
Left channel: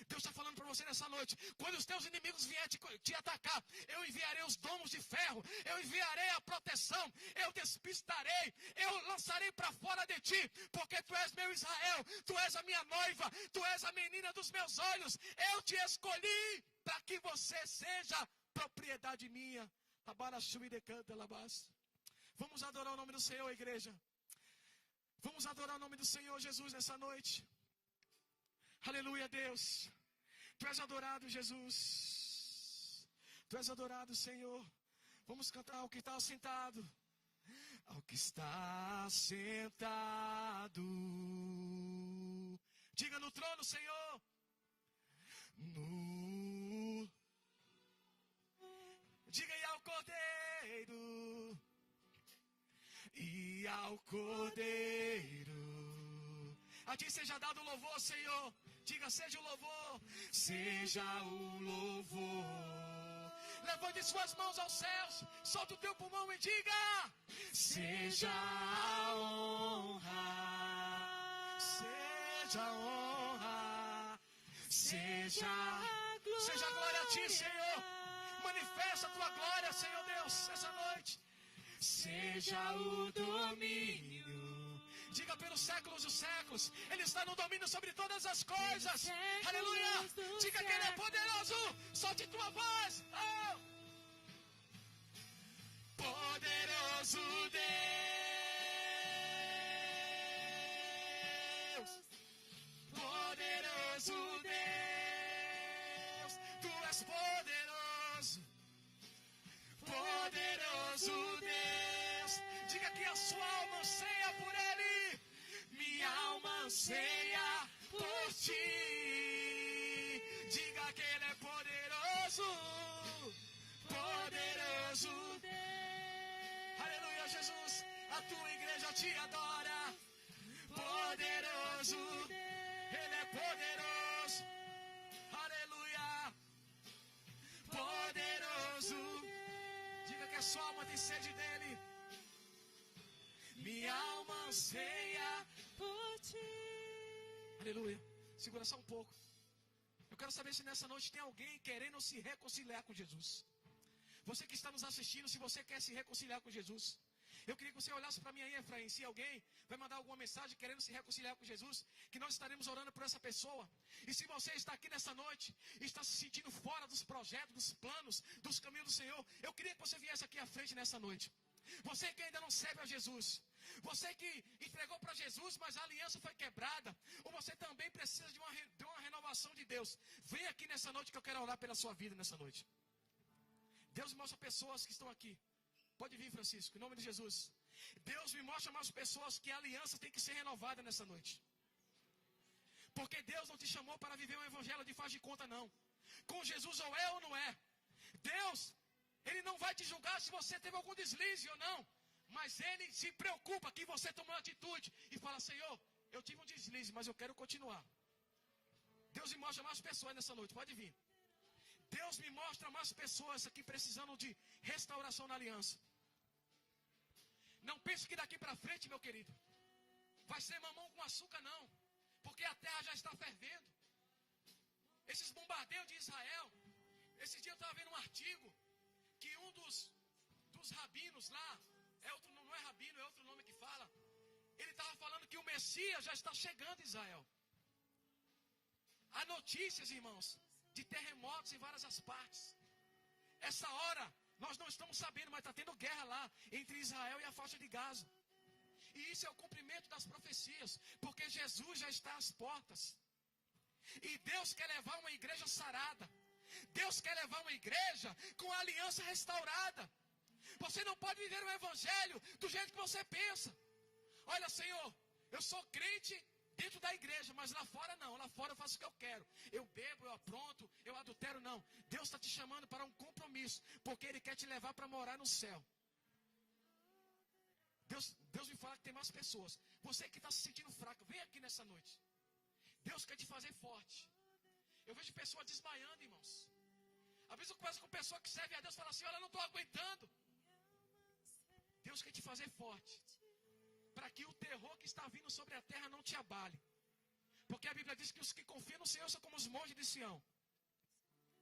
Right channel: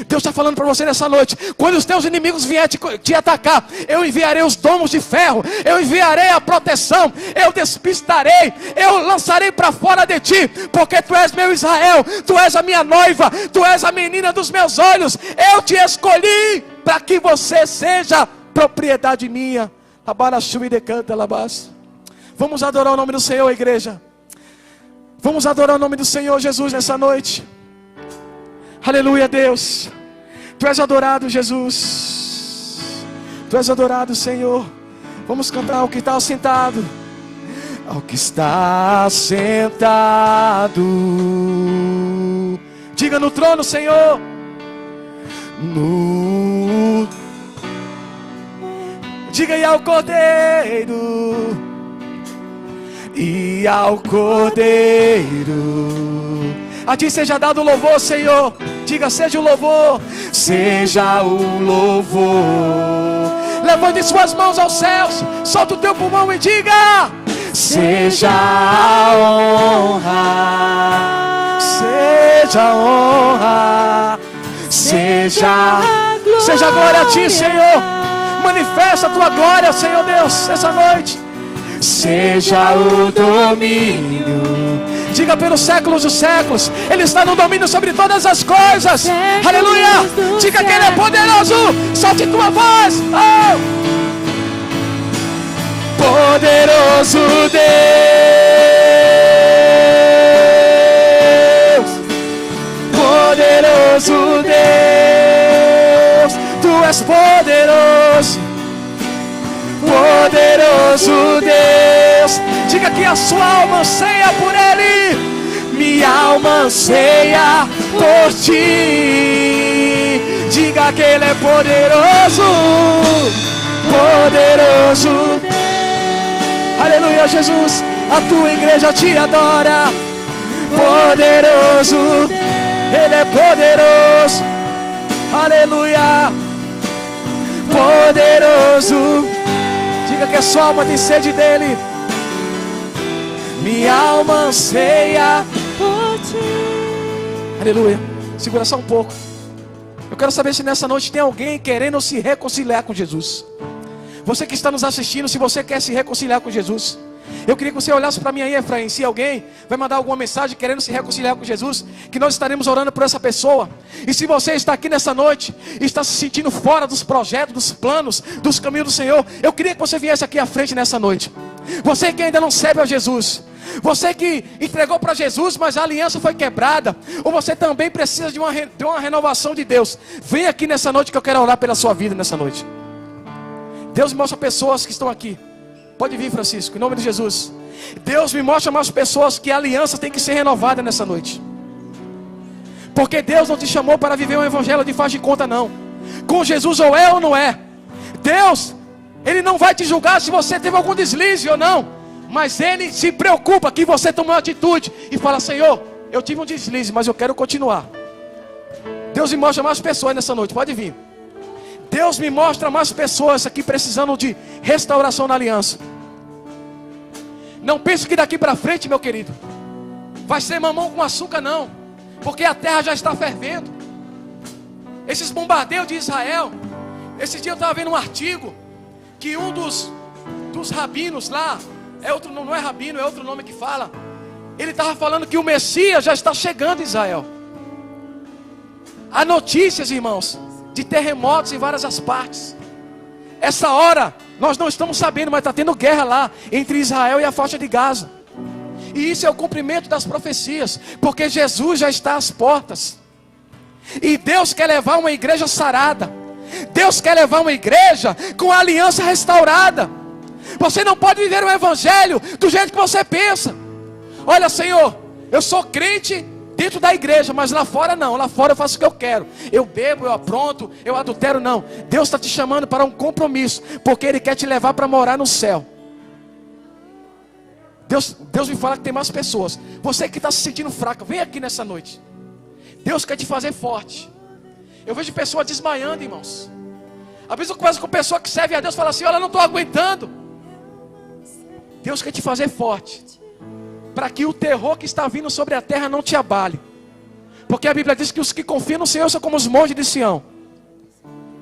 Deus está falando para você nessa noite: quando os teus inimigos vierem te atacar, eu enviarei os domos de ferro, eu enviarei a proteção, eu despistarei, eu lançarei para fora de ti, porque tu és meu Israel, tu és a minha noiva, tu és a menina dos meus olhos. Eu te escolhi para que você seja propriedade minha. Vamos adorar o nome do Senhor, igreja. Vamos adorar o nome do Senhor Jesus nessa noite. Aleluia, Deus. Tu és adorado, Jesus. Tu és adorado, Senhor. Vamos cantar ao que está sentado. Ao que está sentado, diga: no trono, Senhor. Diga: e ao Cordeiro, e ao Cordeiro, a ti seja dado o louvor, Senhor. Diga: seja o louvor, seja o louvor. Levante suas mãos aos céus, solta o teu pulmão e diga: seja a honra, seja a honra, seja a glória a ti, Senhor. Manifesta a tua glória, Senhor Deus, essa noite. Seja o domínio, diga: pelos séculos dos séculos, Ele está no domínio sobre todas as coisas. Aleluia. Diga que Ele é poderoso. Solte tua voz. Oh! Poderoso Deus, poderoso Deus, tu és poderoso, poderoso Deus. Diga que a sua alma anseia por Ele. Minha alma anseia por ti. Diga que Ele é poderoso, poderoso Deus. Aleluia, Jesus, a tua igreja te adora. Poderoso, Ele é poderoso. Aleluia, poderoso. Diga que a sua alma tem sede dEle. Minha alma anseia por ti. Aleluia. Segura só um pouco. Eu quero saber se nessa noite tem alguém querendo se reconciliar com Jesus. Você que está nos assistindo, se você quer se reconciliar com Jesus, eu queria que você olhasse para mim aí, Efraim. Se alguém vai mandar alguma mensagem querendo se reconciliar com Jesus, que nós estaremos orando por essa pessoa. E se você está aqui nessa noite e está se sentindo fora dos projetos, dos planos, dos caminhos do Senhor, eu queria que você viesse aqui à frente nessa noite. Você que ainda não serve a Jesus, você que entregou para Jesus, mas a aliança foi quebrada, ou você também precisa de uma renovação de Deus, vem aqui nessa noite que eu quero orar pela sua vida nessa noite. Deus me mostra pessoas que estão aqui. Pode vir, Francisco, em nome de Jesus. Deus me mostra mais pessoas que a aliança tem que ser renovada nessa noite. Porque Deus não te chamou para viver um evangelho de faz de conta, não. Com Jesus ou é ou não é. Deus, Ele não vai te julgar se você teve algum deslize ou não. Mas Ele se preocupa que você tome uma atitude e fala: Senhor, eu tive um deslize, mas eu quero continuar. Deus me mostra mais pessoas nessa noite, pode vir. Deus me mostra mais pessoas aqui precisando de restauração na aliança. Não pense que daqui para frente, meu querido, vai ser mamão com açúcar, não. Porque a terra já está fervendo. Esses bombardeios de Israel. Esse dia eu estava vendo um artigo que um dos rabinos lá, não é rabino, é outro nome que fala. Ele estava falando que o Messias já está chegando em Israel. Há notícias, irmãos, de terremotos em várias as partes. Essa hora, nós não estamos sabendo, mas está tendo guerra lá, entre Israel e a faixa de Gaza. E isso é o cumprimento das profecias, porque Jesus já está às portas. E Deus quer levar uma igreja sarada. Deus quer levar uma igreja com a aliança restaurada. Você não pode viver o evangelho do jeito que você pensa. Olha, Senhor, eu sou crente dentro da igreja, mas lá fora não. Lá fora eu faço o que eu quero. Eu bebo, eu apronto, eu adultero, não. Deus está te chamando para um compromisso, porque Ele quer te levar para morar no céu. Deus me fala que tem mais pessoas. Você que está se sentindo fraco, vem aqui nessa noite. Deus quer te fazer forte. Eu vejo pessoas desmaiando, irmãos. Às vezes eu converso com pessoa que serve a Deus e fala assim: olha, eu não estou aguentando. Deus quer te fazer forte, para que o terror que está vindo sobre a terra não te abale. Porque a Bíblia diz que os que confiam no Senhor são como os montes de Sião.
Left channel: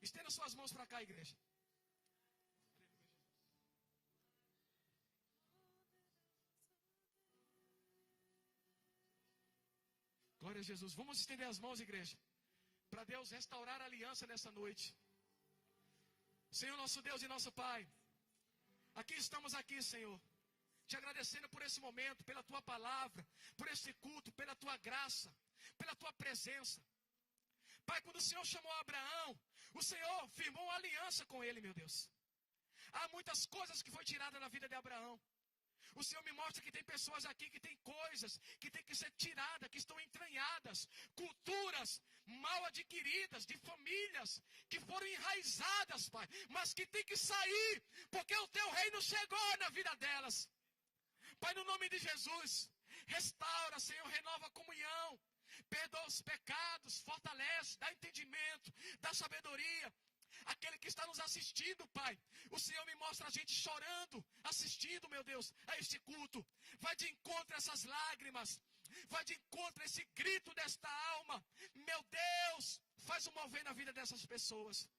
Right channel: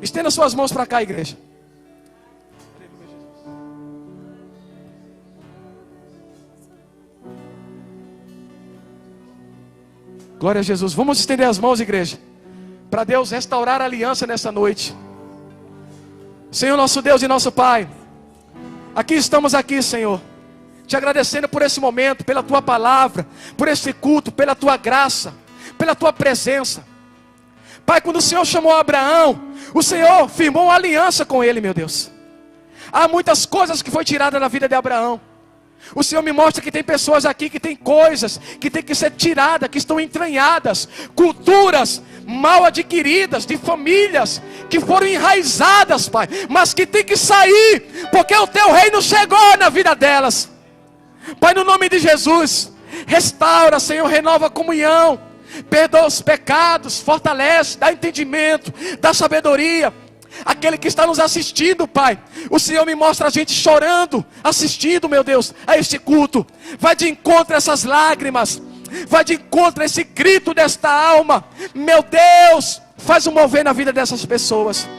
Estenda suas mãos para cá, igreja. Glória a Jesus. Vamos estender as mãos, igreja, para Deus restaurar a aliança nessa noite. Senhor, nosso Deus e nosso Pai, aqui estamos aqui, Senhor, te agradecendo por esse momento, pela Tua palavra, por esse culto, pela Tua graça, pela Tua presença. Pai, quando o Senhor chamou Abraão, o Senhor firmou uma aliança com ele, meu Deus. Há muitas coisas que foi tirada da vida de Abraão. O Senhor me mostra que tem pessoas aqui que tem coisas que tem que ser tiradas, que estão entranhadas, culturas mal adquiridas, de famílias que foram enraizadas, Pai, mas que tem que sair, porque o Teu reino chegou na vida delas. Pai, no nome de Jesus, restaura, Senhor, renova a comunhão, perdoa os pecados, fortalece, dá entendimento, dá sabedoria. Aquele que está nos assistindo, Pai, o Senhor me mostra a gente chorando, assistindo, meu Deus, a este culto. Vai de encontro a essas lágrimas, vai de encontro a esse grito desta alma. Meu Deus, faz um mover na vida dessas pessoas.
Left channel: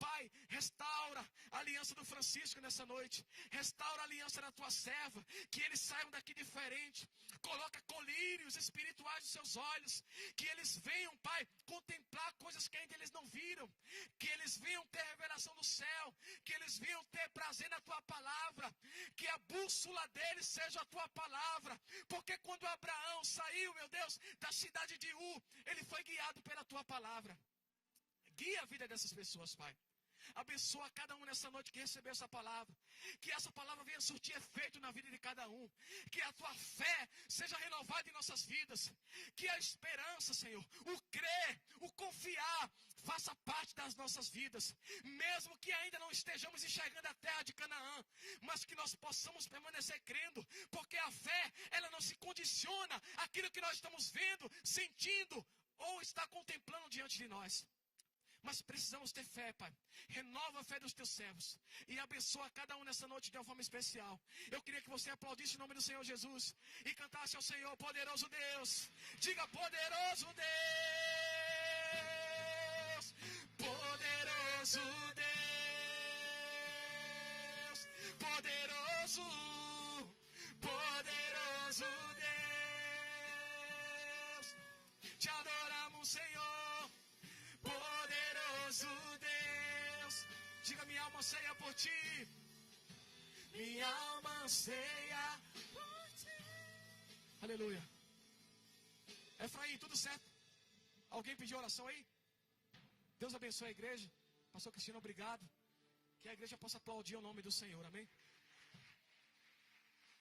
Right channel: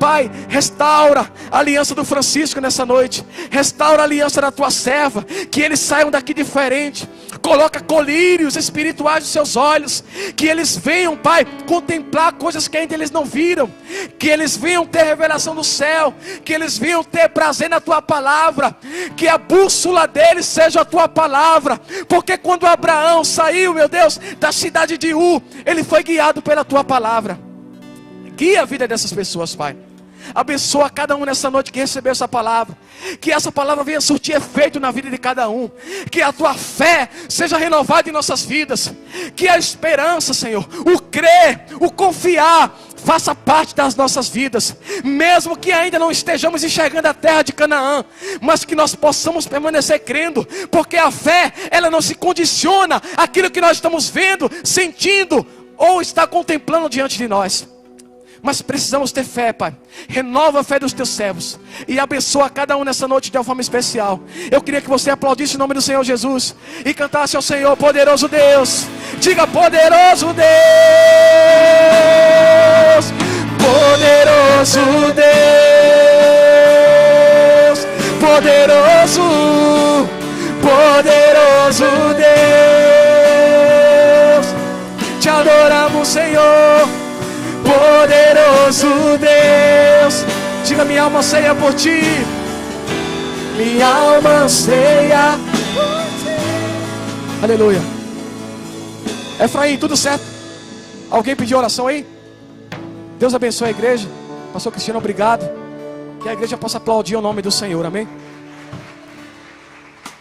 Pai, restaura a aliança do Francisco nessa noite. Restaura a aliança da Tua serva, que eles saiam daqui diferente. Coloca colírios espirituais nos seus olhos, que eles venham, Pai, contemplar coisas que ainda eles não viram, que eles venham ter revelação do céu, que eles venham ter prazer na Tua palavra, que a bússola deles seja a Tua palavra. Porque quando Abraão saiu, meu Deus, da cidade de Ur, ele foi guiado pela Tua palavra. Guia a vida dessas pessoas, Pai. Abençoa cada um nessa noite que recebeu essa palavra. Que essa palavra venha surtir efeito na vida de cada um. Que a Tua fé seja renovada em nossas vidas. Que a esperança, Senhor, o crer, o confiar, faça parte das nossas vidas. Mesmo que ainda não estejamos enxergando a terra de Canaã, mas que nós possamos permanecer crendo. Porque a fé, ela não se condiciona àquilo que nós estamos vendo, sentindo ou está contemplando diante de nós. Mas precisamos ter fé, Pai. Renova a fé dos Teus servos e abençoa cada um nessa noite de uma forma especial. Eu queria que você aplaudisse o nome do Senhor Jesus e cantasse ao Senhor: poderoso Deus. Diga: poderoso Deus. poderoso, poderoso Deus. Te adoramos, Senhor, poderoso Deus. Diga: minha alma anseia por ti, minha alma anseia por ti. Aleluia. Efraim, tudo certo? Alguém pediu oração aí? Deus abençoe a igreja. Pastor Cristiano, obrigado. Que a igreja possa aplaudir o nome do Senhor, amém?